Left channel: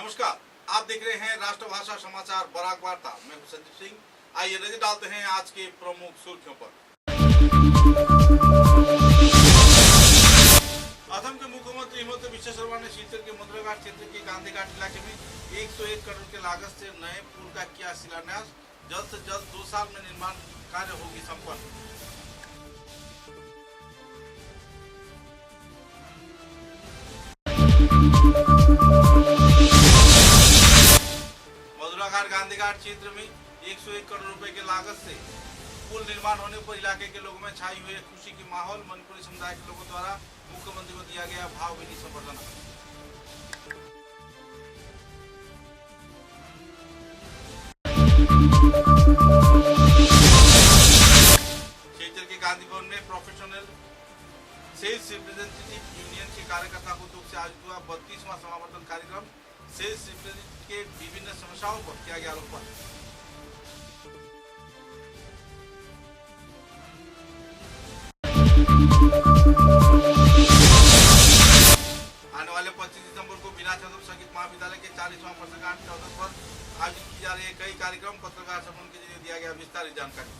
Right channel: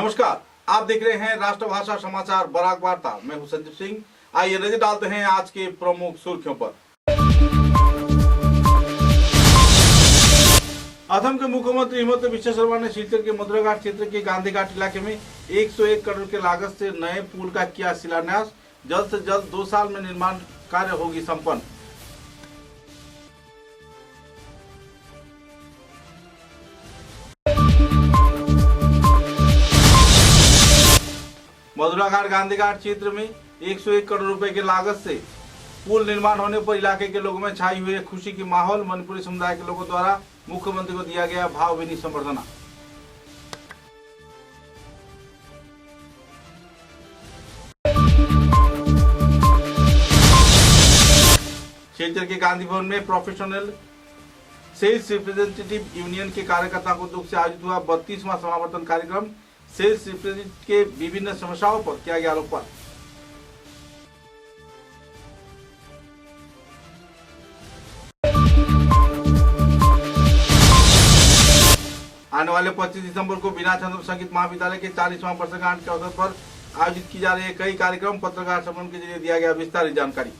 नमस्कार, आप देख रहे हैं राष्ट्रभाषा समाचार बराक वार्ता। मैं हूं संजीव सिंह। आइए नजर डालते हैं आज के प्रमुख सुर्खियों पर। असम के मुख्यमंत्री हिमंत बिश्व शर्मा ने सिलचर के मधुराघाट क्षेत्र के गांधी घाट इलाके में 101 करोड़ के लागत से नए पुल का किया शिलान्यास। जल्द से जल्द 2 साल में निर्माण कार्य होगी संपन्न। मधुराघाट गांधी घाट क्षेत्र में 101 करोड़ रुपए की लागत से पुल निर्माण होने पर इलाके के लोगों में छाई हुई खुशी की माहौल। मणिपुरी समुदाय के लोगों द्वारा मुख्यमंत्री को दिया गया भावभीनी संबर्धना। सिलचर के गांधी भवन में प्रोफेशनल सेल्स रिप्रेजेंटेटिव यूनियन के कार्यकर्ताओं को दुख से आयोजित हुआ 32वां समावर्तन कार्यक्रम। सेल्स रिप्रेजेंटेटिव के विभिन्न समस्याओं पर किया गया आलोकपात। आने वाले 25 दिसंबर को बीना चंद्र संगीत महाविद्यालय के 40वां वर्षगांठ के अवसर पर आयोजित की जा रही है कई कार्यक्रम। पत्रकार सम्मेलन के जरिए दिया गया विस्तारित जानकारी।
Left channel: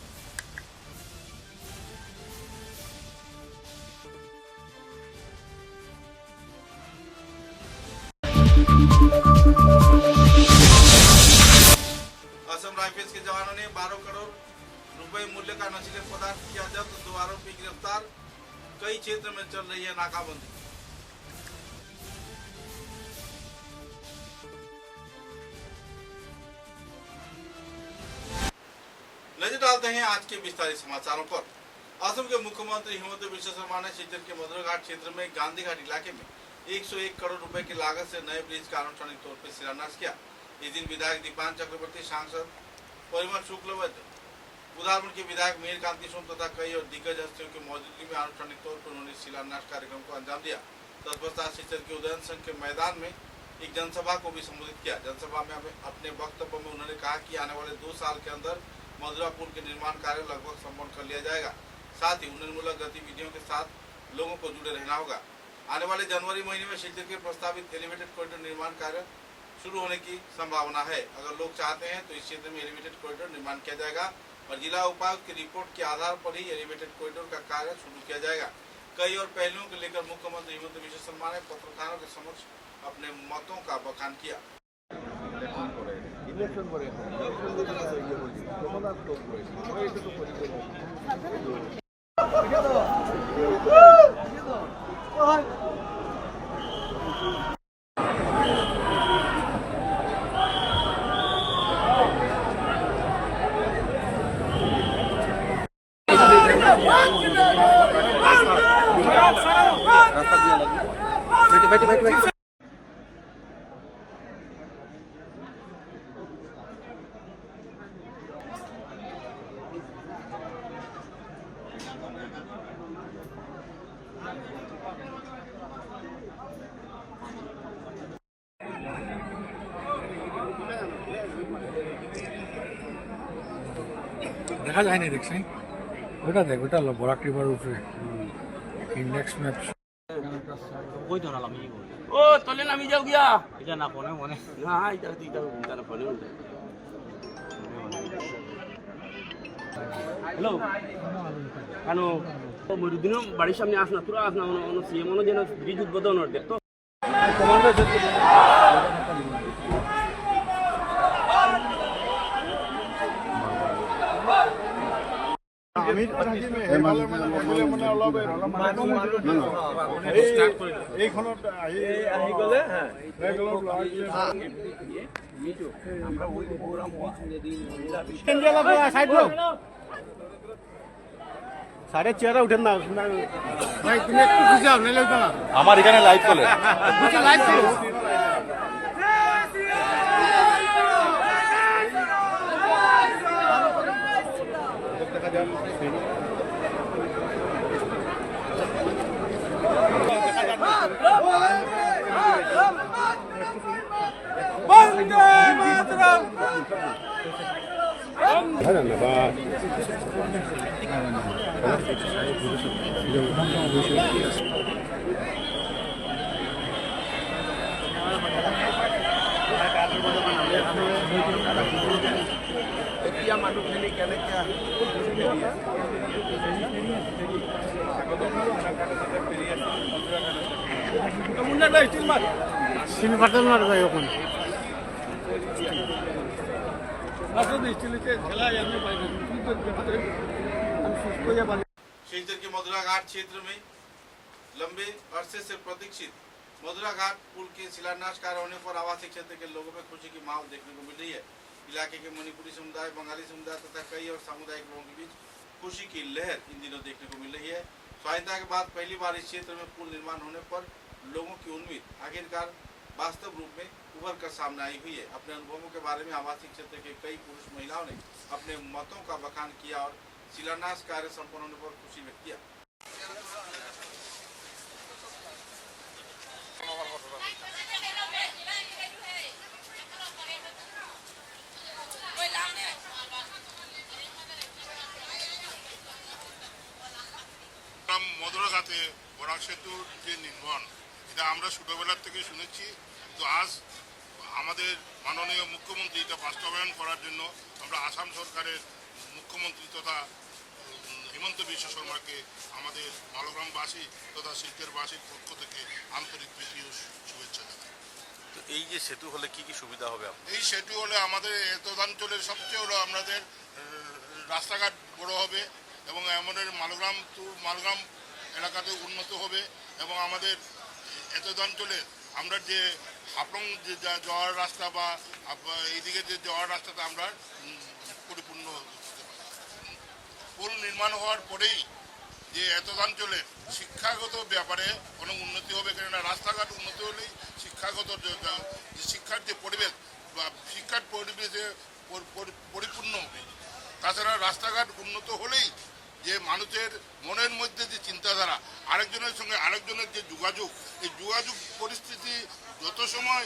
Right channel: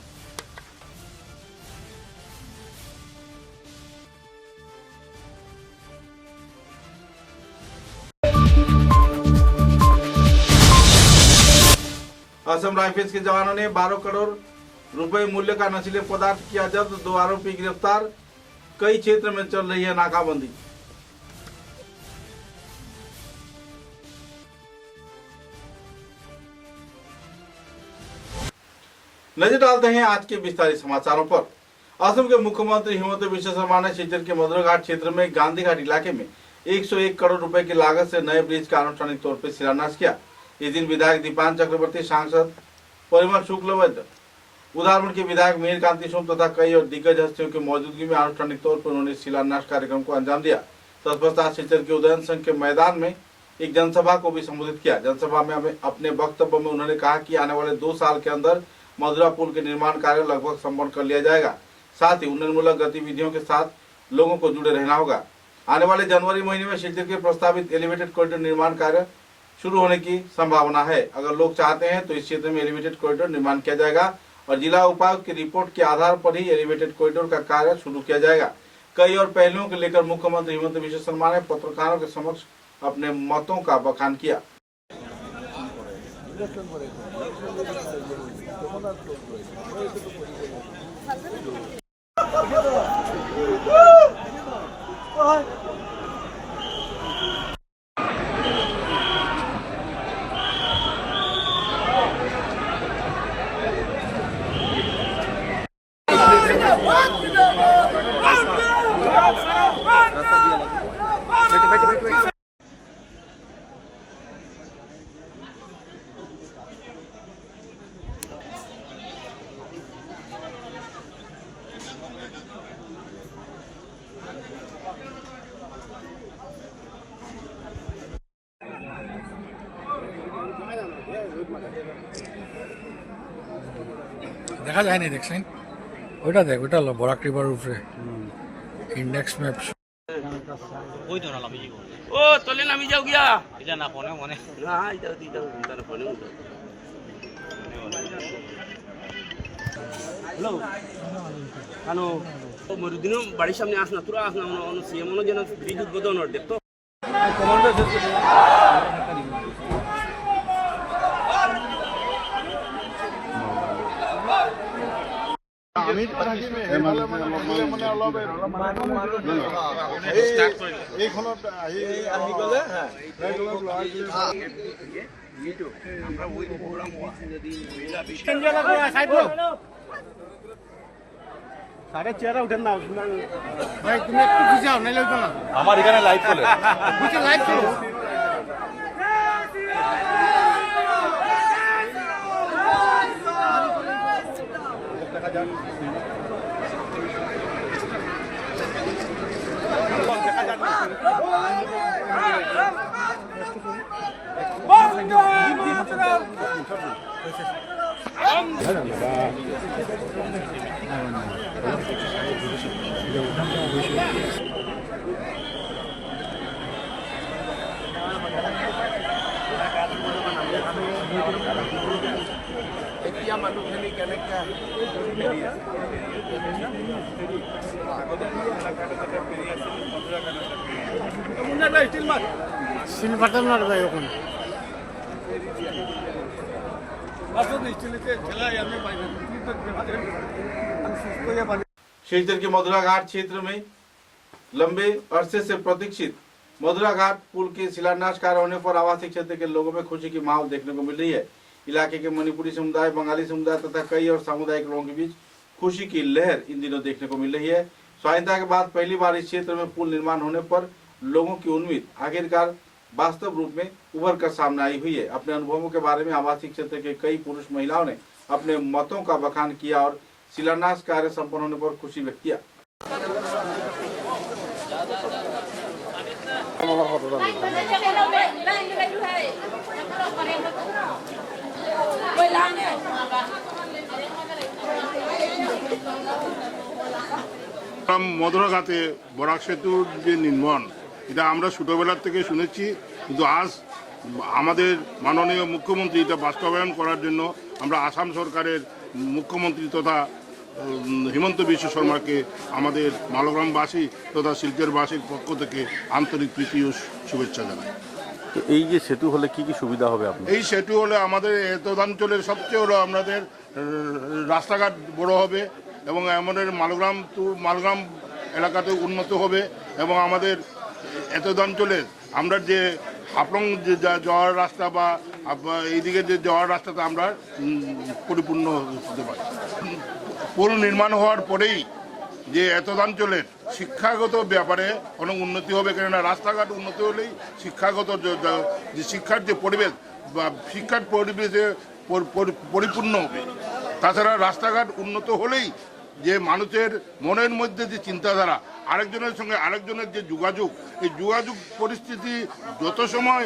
असम राइफल्स के जवानों ने 12 करोड़ रुपए मूल्य का नशीले पदार्थ किया जब्त। 2 आरोपी गिरफ्तार। कई क्षेत्र में चल रही है नाकाबंदी। नजर डालते हैं आज के विस्तारित समाचारों पर। असम के मुख्यमंत्री हिमंत बिश्व शर्मा ने सिलचर के मधुराघाट क्षेत्र में गांधी घाट इलाके में 101 करोड़ रुपए की लागत से नए ब्रिज का आनुষ্ঠাनिक तौर पर शिलान्यास किया। इस दिन विधायक दीपान चक्रवर्ती, सांसद परिमल शुक्लवैद्य, उदारपुर के विधायक मीर कांति सोम तथा कई और दिग्गज हस्तियों की मौजूदगी में आनुষ্ঠাनिक तौर पर उन्होंने शिलान्यास कार्यक्रम को अंजाम दिया। तत्पश्चात सिलचर के उदयन संघ के मैदान में एक जनसभा को भी संबोधित किया। जनसभा में अपने वक्तव्य में उन्होंने कहा कि आने वाले 2 साल के अंदर मधुरा पुल के निर्माण कार्य लगभग संपन्न कर लिया जाएगा। साथ ही उन्नयनमूलक गतिविधियों के साथ लोगों को जुड़े रहना होगा। आने वाले जनवरी महीने में सिलचर के प्रस्तावित एलिवेटेड कॉरिडोर निर्माण कार्य शुरू होने की संभावना है। अगर लोग चाहते हैं तो इस क्षेत्र में एलिवेटेड कॉरिडोर निर्माण किया जाएगा और जिला उपायुक्त की रिपोर्ट के आधार पर ही एलिवेटेड कॉरिडोर का कार्य शुरू किया जाएगा। कई और पहलुओं को लेकर मुख्यमंत्री हिमंत बिश्व शर्मा ने पत्रकारों के समक्ष अपने मतों का बखान किया। দেখা যায় না দেখছেন ওটা দেখ ওটা হলো বরাক রিভার উপরে ইন্ডেক্স ম্যাপ ওই তো নামি যাব ও তলে নামি যাও গিয়া এটা না ফোনে মনে না এটা দিটা তার ফোনে হ্যালো কানো মরুদিন বাড়ির সামনে আস না তোরা আস না সিএম মনে যেন ব্রিজ উদ্বোধন হতে তো কমান্ডার আমি থাকি সেইফালে মানে থাকিলে মানে অলপ এইখনত আহি গ'লে সাড়ে চেয়ারে উঠেন না ভাই, তুমি একটু খুশি হও নাইলে হইতো না। আমার এখানে লাইভ চলে, লাইভ চলো। এতিয়া মানুহখিনি কেনেকৈ সিলভারটা মারবে এখন शिवचर के मधुरा घाट क्षेत्र में लंबे अरसे से प्रतीक्षित मधुरा घाट पुल के शिलान्यास कार्य होने पर आवासीय क्षेत्र के लोगों में खुशी की माहौल देखने को मिल रही है। इलाके के मणिपुरी समुदाय, बंगाली समुदाय तथा कई और सामुदायिक लोगों के बीच खुशी की लहर इन दिनों देखने को मिल रही है। स्वाधीनता के बाद पहली बार इस क्षेत्र में पुल निर्माण होने पर लोगों की उम्मीद आखिरकार वास्तव रूप में उभर कर सामने आई हुई है। अपने अनुभवों के बारे में आवासीय क्षेत्र के कई पुरुष महिलाओं ने अपने मतों का बखान किया और शिलान्यास कार्य संपन्न होने पर खुशी व्यक्त किया। মধুরাঘাটে বরাক সেতুর যে নির্মাণ এটা আমরা ছোটোবেলার থেকে শুনেছি, কিন্তু আজ আমাদের মাননীয় মুখ্যমন্ত্রী এটা বাস্তবায়ন করার জন্য আমরা আসাম সরকারের মুখ্যমন্ত্রী তথা হিমন্ত বিশ্ব শর্মাকে আমাদের মালগ্রামবাসী তথা শিলচরবাসীর পক্ষ থেকে আন্তরিক প্রীতি ও শুভেচ্ছা জানাই। তো এই যে সেতু হলে কি কি সুবিধা হবে আপনার? এই সেতু হলে আমাদের এতদাঞ্চলের সবচেয়ে হলো আমাদের রাস্তাঘাট বড় হবে এবং আমাদের মালগ্রাম এলাকাতে উন্নত হবে এবং আমাদের এতদাঞ্চলের আমরা যে হাফলং যে যাওয়ার রাস্তা বা এইদিকে যে যাওয়ার রাস্তাটা আমরা পরিপূর্ণ হতে পারি। পুল নির্মাণ হওয়ার পরেই যে এতদাঞ্চলের শিক্ষাগত ব্যাপারে অনেক উন্নতি হবে, কেননা রাস্তাঘাট উন্নতি হলেই শিক্ষাগত যে শিক্ষার যে পরিবেশ বা শিক্ষার পরিবেশে পরিপূর্ণ হবে। তাছাড়া রাস্তাঘাট উন্নত হলেই যে মানুষের মনের মধ্যে যে চিন্তাধারা, আরেকজনের সঙ্গে আরেকজনের যে যোগাযোগ, এই যোগাযোগ পরিস্থিতি যত সময়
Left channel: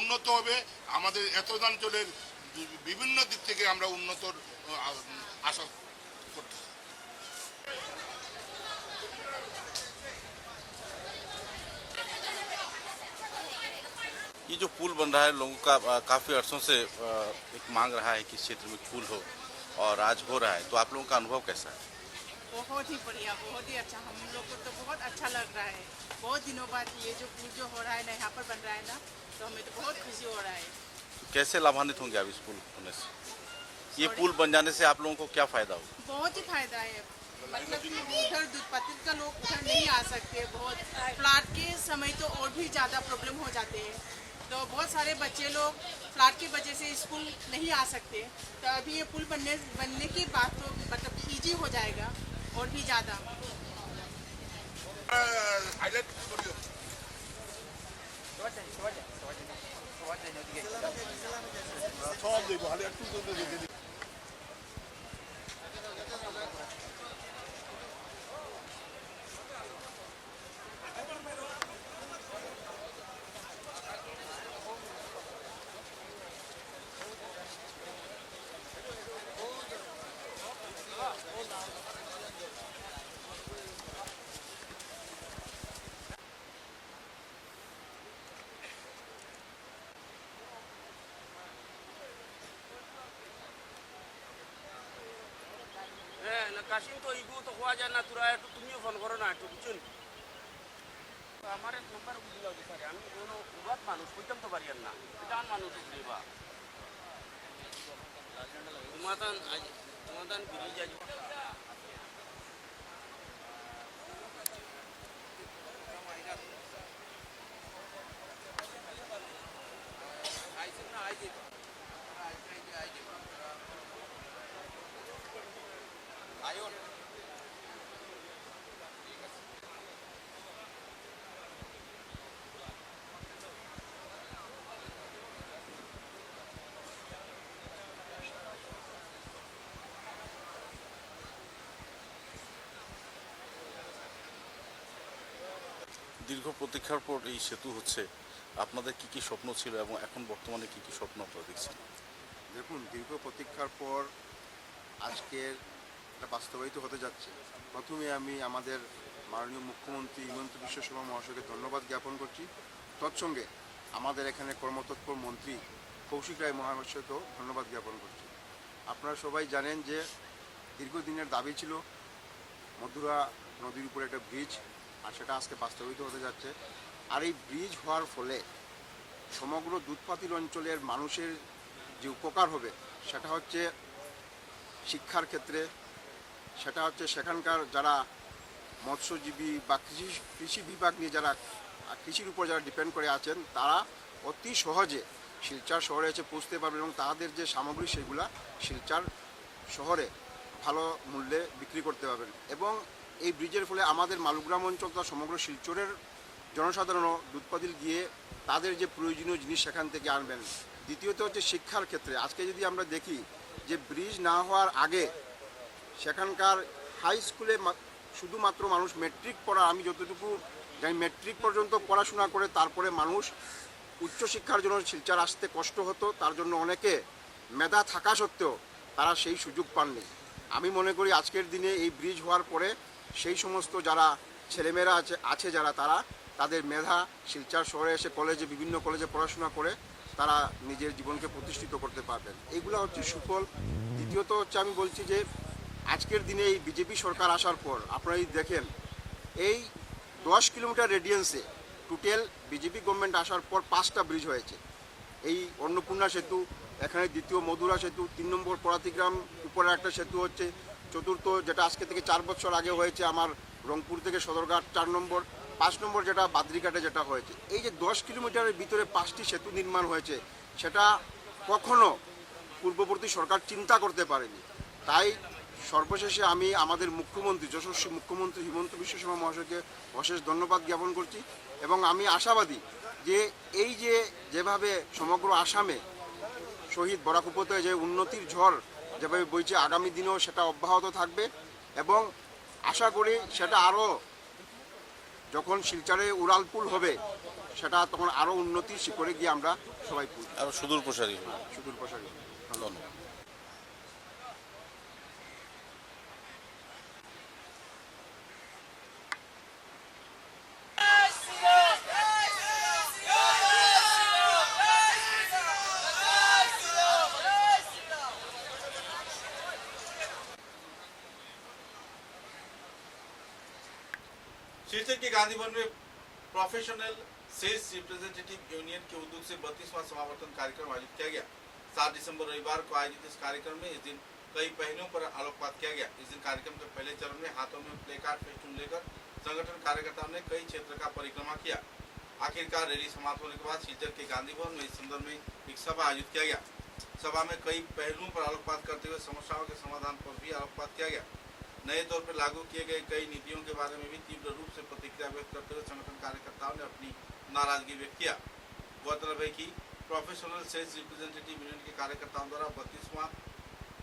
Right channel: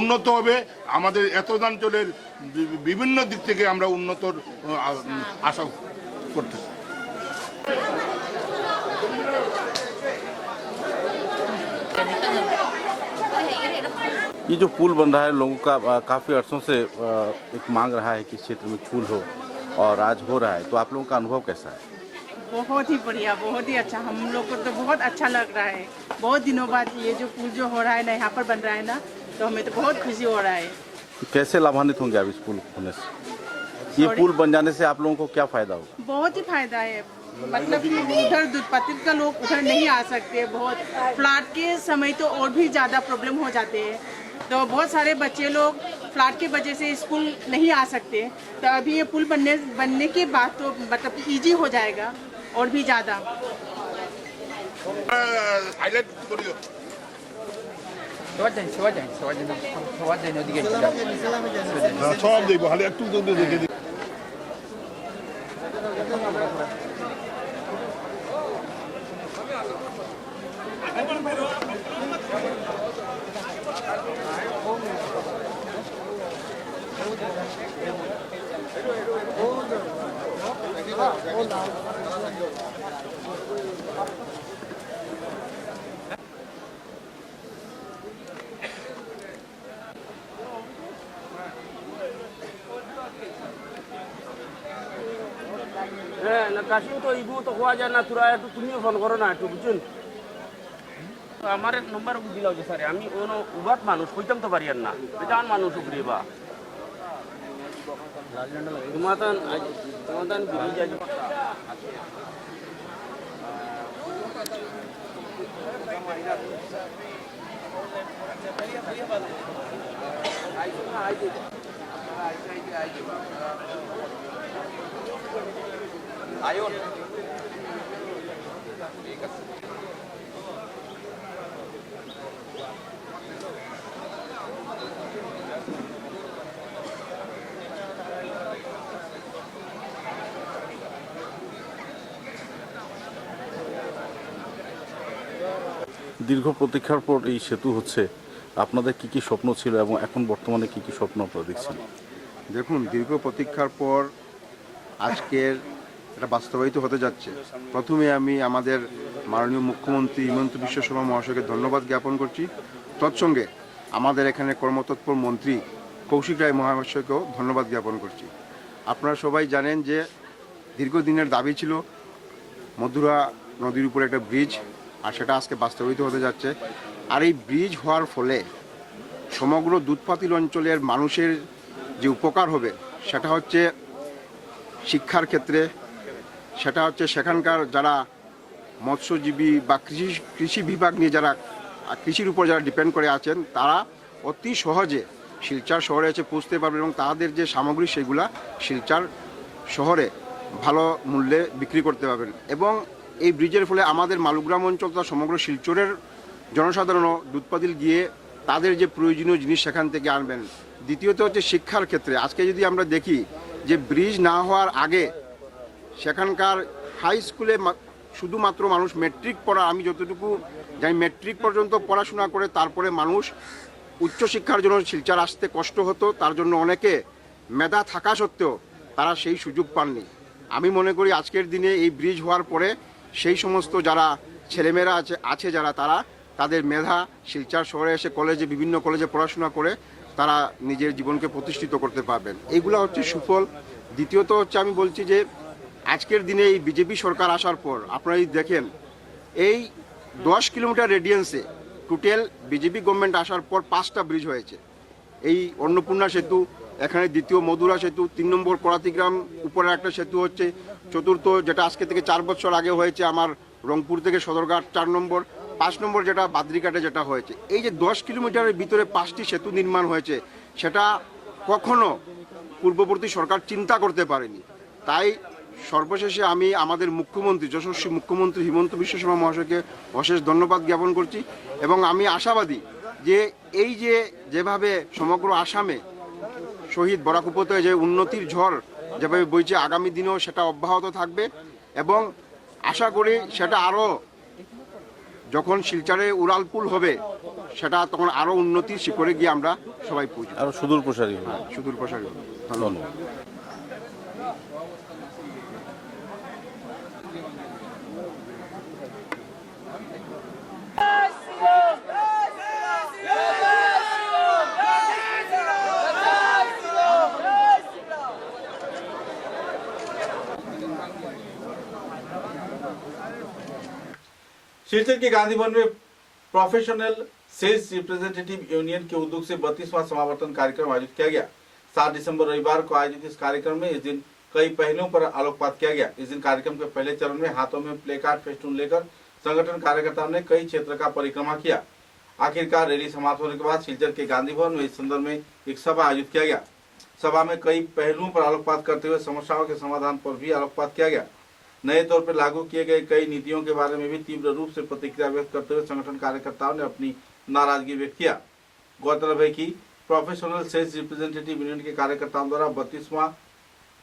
উন্নত হবে আমাদের এতদাঞ্চলের বিভিন্ন দিক থেকে আমরা উন্নতর আশা করতেছি। ये जो पुल बन रहा है लोगों का काफ़ी अर्सों से एक मांग रहा है कि इस क्षेत्र में पुल हो और आज हो रहा है, तो आप लोगों का अनुभव कैसा है? बहुत ही बढ़िया, बहुत ही अच्छा। हम लोग को तो बहुत अच्छा लग रहा है। बहुत दिनों बाद ये जो पुल जो हो रहा है ना, यहाँ पर बन रहा है ना, तो हमें तो बहुत खुशी हो रहा है। तो कैसे लाभान्वित होंगे आप इस पुल होने से? ये पुल बन जाने से आप लोगों को क्या फ़ायदा होगा? बहुत ही फायदा है। मतलब कि उधर दूधपत्ती का लोग उधर नहीं आ सकते। बहुत फ्लड के समय तो और भी ज़्यादा प्रॉब्लम हो जाते हैं, तो बहुत सारे बच्चे लोग फ्लड की वजह से स्कूल नहीं आ सकते। तो अभी ये पुल बनने के बाद तो मतलब ईजी हो जाएगा और भी ज़्यादा। সব দেখবো, খালি একটু দেখে দিই। হ্যাঁ না কাশিম তো এইগুলো তো হওয়া যায় না, তোরা একটু তুমিও ফোন করো না একটু, বুঝছেন? আমার এক নম্বর দিলাও যে স্যার আমি কোনো উবাত মানুষ কইতাম তো পারি আর না, বেজান মানুষ উপরে বা তোমাদান বিরিজ আজ আয়ন ঠিক আছে। দীর্ঘ প্রতীক্ষার পর এই সেতু হচ্ছে, আপনাদের কি কি স্বপ্ন ছিল এবং এখন বর্তমানে কি কি স্বপ্ন আপনারা দেখছেন? দেখুন, দীর্ঘ প্রতীক্ষার পর আজকের এটা বাস্তবায়িত হতে যাচ্ছে। প্রথমে আমি আমাদের মাননীয় মুখ্যমন্ত্রী হিমন্ত বিশ্ব শর্মা মহাশয়কে ধন্যবাদ জ্ঞাপন করছি। তৎসঙ্গে আমাদের এখানে কর্মতৎপর মন্ত্রী কৌশিক রায় মহাশয়কেও ধন্যবাদ জ্ঞাপন করছি। আপনারা সবাই জানেন যে দীর্ঘদিনের দাবি ছিল মধুরা নদীর উপরে একটা ব্রিজ, আর সেটা আজকে বাস্তবায়িত হতে যাচ্ছে। আর এই ব্রিজ হওয়ার ফলে সমগ্র দুধপাতিল অঞ্চলের মানুষের যে উপকার হবে সেটা হচ্ছে শিক্ষার ক্ষেত্রে, সেটা হচ্ছে সেখানকার যারা মৎস্যজীবী বা কৃষি বিভাগ নিয়ে যারা কৃষির উপর যারা ডিপেন্ড করে আছেন তারা অতি সহজে শিলচর শহরে এসে পৌঁছতে পারবেন এবং তাদের যে সামগ্রী সেগুলা শিলচর শহরে ভালো মূল্যে বিক্রি করতে পারবেন। এবং এই ব্রিজের ফলে আমাদের মালুগ্রাম অঞ্চল তথা সমগ্র শিলচরের জনসাধারণও দুধপাতিল গিয়ে তাদের যে প্রয়োজনীয় জিনিস সেখান থেকে আনবেন। দ্বিতীয়ত হচ্ছে শিক্ষার ক্ষেত্রে আজকে যদি আমরা দেখি যে ব্রিজ না হওয়ার আগে সেখানকার হাই স্কুলে শুধুমাত্র মানুষ মেট্রিক পড়া, আমি যতটুকু জানি মেট্রিক পর্যন্ত পড়াশোনা করে তারপরে মানুষ উচ্চশিক্ষার জন্য শিলচর আসতে কষ্ট হতো, তার জন্য অনেকে মেধা থাকা সত্ত্বেও তারা সেই সুযোগ পাননি। আমি মনে করি আজকের দিনে এই ব্রিজ হওয়ার পরে সেই সমস্ত যারা ছেলেমেয়েরা আছে যারা তারা তাদের মেধা শিলচর শহরে এসে বিভিন্ন কলেজে পড়াশোনা করে তারা নিজের জীবনকে প্রতিষ্ঠিত করতে পারবেন। এইগুলো হচ্ছে সুফল। দ্বিতীয়ত হচ্ছে আমি বলছি যে আজকের দিনে এই বিজেপি সরকার আসার পর আপনারা দেখেন এই 10 কিলোমিটার রেডিয়েন্সে টোটাল বিজেপি গভর্নমেন্ট আসার পর 5টা ব্রিজ হয়েছে। এই অন্নপূর্ণা সেতু, এখানে দ্বিতীয় মধুরা সেতু, 3 নম্বর পরাতিগ্রাম উপরে একটা সেতু হচ্ছে, চতুর্থ যেটা আজকে থেকে 4 বছর আগে হয়েছে আমার রংপুর থেকে সদরঘাট 4 নম্বর, 5 নম্বর যেটা বাদরিঘাটে যেটা হয়েছে। এই যে 10 কিলোমিটারের ভিতরে 5টি সেতু নির্মাণ হয়েছে সেটা কখনো পূর্ববর্তী সরকার চিন্তা করতে পারেনি। তাই সর্বশেষে আমি আমাদের মুখ্যমন্ত্রী যশস্বী মুখ্যমন্ত্রী হিমন্ত বিশ্ব শর্মা মহাশয়কে অশেষ ধন্যবাদ জ্ঞাপন করছি এবং আমি আশাবাদী যে এই যেভাবে সমগ্র আসামে শহীদ বরাক উপত্যকায় যে উন্নতির ঝড় যেভাবে বইছে আগামী দিনেও সেটা অব্যাহত থাকবে এবং আশা করি সেটা আরও যখন শিলচরে উড়ালপুল হবে সেটা তখন আরও উন্নতির শিখরে গিয়ে আমরা সবাই পৌঁছব, আরও সুদূর প্রসারী হবে। সুদূর প্রসারী হবে। ধন্যবাদ। शिलचर के गांधी भवन में प्रोफेशनल सेल्स रिप्रेजेंटेटिव यूनियन के उद्योग से 32वां समावर्तन कार्यक्रम आयोजित किया गया। 7 दिसंबर रविवार को आयोजित इस कार्यक्रम में इस दिन कई पहलुओं पर आलोकपात किया गया। इस दिन कार्यक्रम के पहले चरण में हाथों में प्ले कार्ड फेस्टून लेकर संगठन कार्यकर्ताओं ने कई क्षेत्र का परिक्रमा किया। आखिरकार रैली समाप्त होने के बाद शिलचर के गांधी भवन में इस संदर्भ में एक सभा आयोजित किया गया। सभा में कई पहलुओं पर आलोकपात करते हुए समस्याओं के समाधान पर भी आलोकपात किया गया। नए तौर पर लागू किए गए कई नीतियों के बारे में भी तीव्र रूप से प्रतिक्रिया व्यक्त करते हुए संगठन कार्यकर्ताओं ने अपनी नाराजगी व्यक्त किया। गौरतलब है कि प्रोफेशनल सेल्स रिप्रेजेंटेटिव यूनियन के कार्यकर्ताओं द्वारा 32वां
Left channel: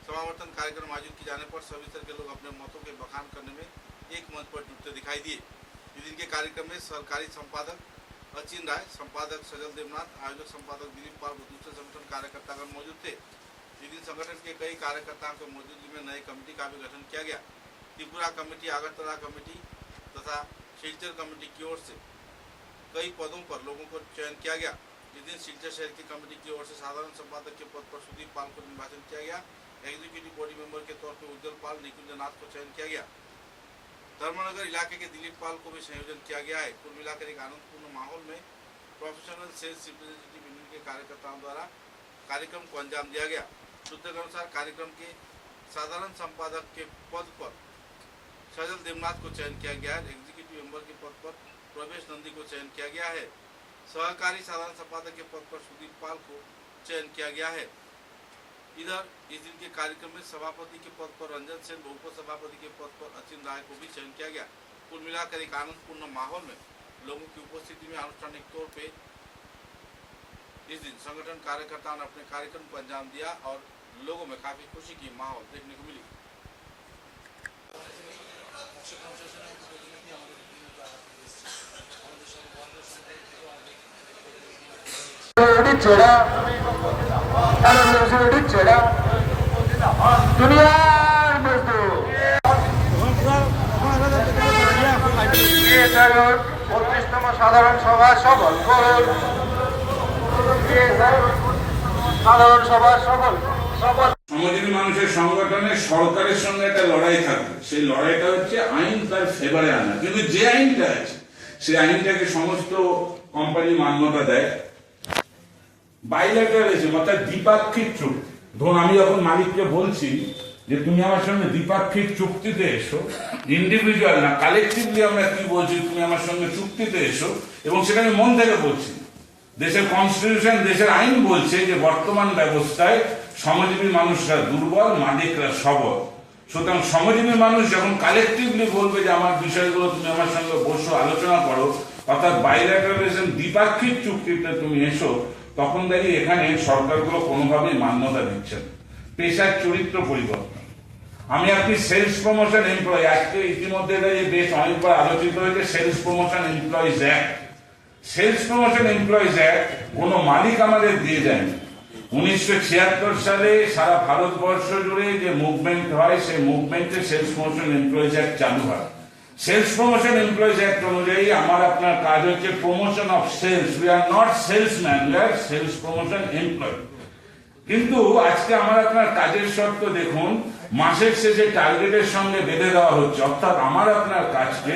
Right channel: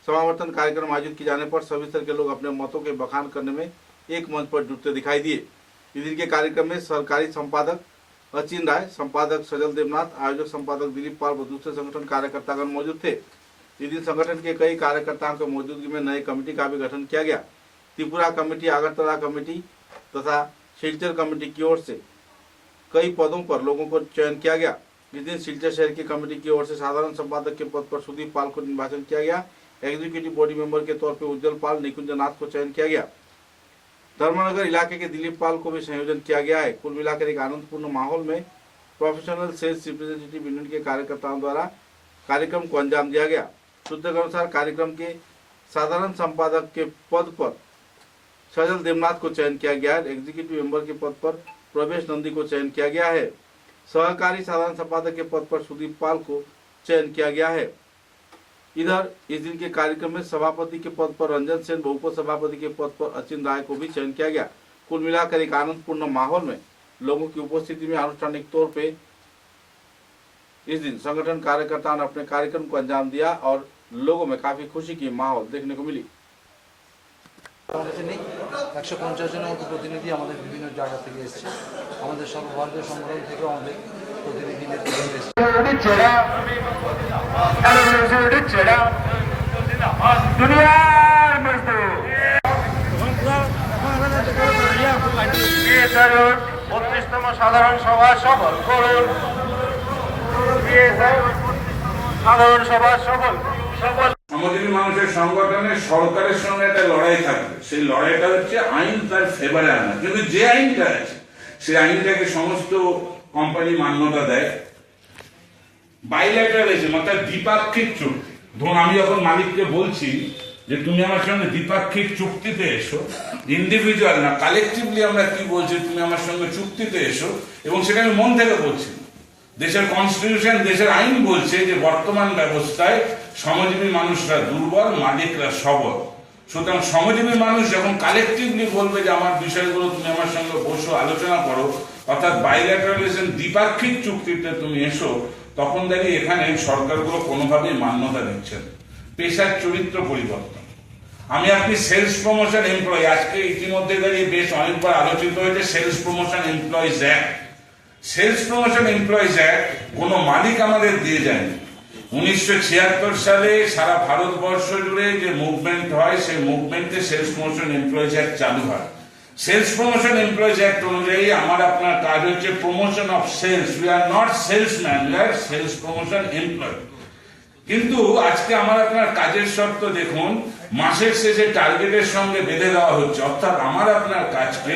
समावर्तन कार्यक्रम आयोजित किए जाने पर सभी स्तर के लोग अपने मतों के बखान करने में एक मंच पर जुटते दिखाई दिए। इस दिन के कार्यक्रम में सरकारी संपादक अचिन राय, संपादक सजल देवनाथ, आयोजक संपादक दिलीप पाल व दूसरे संगठन कार्यकर्तागण मौजूद थे। इस दिन संगठन के कई कार्यकर्ताओं की मौजूदगी में नई कमेटी का भी गठन किया गया। त्रिपुरा कमेटी, आगरतला कमेटी तथा शिलचर कमेटी की ओर से कई पदों पर लोगों को चयन किया गया। इस दिन शिलचर शहर की कमेटी की ओर से साधारण संपादक के पद पर सुदीप पाल को निर्वाचन किया गया। एग्जीक्यूटिव बॉडी मेंबर के तौर पर उज्जवल पाल, निकुंज नाथ को चयन किया गया। धर्मनगर इलाके के दिलीप पाल को भी संयोजन किया गया है। कुल मिलाकर एक आनंदपूर्ण माहौल में प्रोफेशनल सेल्स रिप्रेजेंटेटिव यूनियन के कार्यकर्ताओं द्वारा कार्यक्रम को अंजाम दिया गया। सूत्रों के अनुसार कार्यक्रम के साधारण संपादक के पद पर सजल देवनाथ को चयन किया गया है। एग्जीक्यूटिव मेंबर के पद पर प्रवेश नंदी को चयन किया गया है। सहकारी साधारण संपादक के पद पर सुदीप पाल को चयन किया गया है। इधर इस दिन के कार्यक्रम में सभापति के पद पर रंजन सेन व उपसभापति के पद पर अचिन राय को भी चयन किया गया। कुल मिलाकर एक आनंदपूर्ण माहौल में लोगों की उपस्थिति में आनुष्ठानिक तौर पे इस दिन संगठन कार्यकर्ताओं ने अपने कार्यक्रम को अंजाम दिया और लोगों में काफी खुशी की माहौल देखने को मिली। 150 জনের মতো প্রতিনিধি আমাদের বিভিন্ন জায়গা থেকে এসেছে। আমাদের সর্বভারতীয় সংগঠন থেকে আমাদের প্রতিনিধি এসেছে। 32তম সাধারণ সভা সফল করুন। সাধারণ সভার সকল শ্রমজীবী মানুষের সংগঠনে সরকারের সঙ্গে একটা লড়াই থাকবে, সেই লড়াইটা হচ্ছে আইন তার ফেভারে আনা। কিন্তু যে আইনটা আছে সেই আইনটাকে সমস্ত কোম্পানি মান্যতা দেয়। বাইল্যাটারালিজম অর্থাৎ দ্বিপাক্ষিক চুক্তি। ধরুন আমি যখন মালিককে বলছি যে তুমি আমার সঙ্গে দ্বিপাক্ষিক চুক্তিতে এসো, ইন্ডিভিজুয়াল না কালেকটিভলি আমরা কি বলছি, তুমি আমার সঙ্গে চুক্তিতে এসো, এবং সেটা আমি মন থেকে বলছি না। দেশের কনস্টিটিউশন, দেশের আইন বলছে যে বর্তমান ব্যবস্থায় শ্রমজীবী মানুষরা দুর্বল, মালিকরা সবল। সুতরাং শ্রমজীবী মানুষ যখন কালেকটিভলি বলবে যে আমার বিষয়গুলো তুমি আমার সঙ্গে বসো, আলোচনা করো, অর্থাৎ বাইল্যাটারালিজম দ্বিপাক্ষিক চুক্তিতে তুমি এসো, তখন দাঁড়িয়ে এখানে সরকারগুলো কোনোভাবেই মান্যতা দিচ্ছেন। পেশার চরিত্র পরিবর্তন। আমি আপনি সেলস প্রমোশন এমপ্লয়ি, আজকে ইতিমধ্যে দাঁড়িয়ে বেশ অনেকবার আলোচিত হয়েছে sales promotion employees act. Sales promotion employees act কোনো মালিক আমাদের দিয়ে যায়নি। 1976 সালে সারা ভারতবর্ষ জুড়ে যে মুভমেন্ট হয়, সেই মুভমেন্টে সেলস প্রমোশন এমপ্লয়িজ অ্যাক্ট চালু হয়। সেলস প্রমোশন এমপ্লয়িজ অ্যাক্ট অনুযায়ী আমার আপনার কাজ হচ্ছে promotion of sales. We are not salesman, we are sales promotion employee. কিন্তু আজকে আমার আপনার কাজের শর্ত দেখুন, মাসের শেষে টার্গেটের সঙ্গে বেঁধে দেওয়া হচ্ছে, অর্থাৎ আমার আপনার কাজকে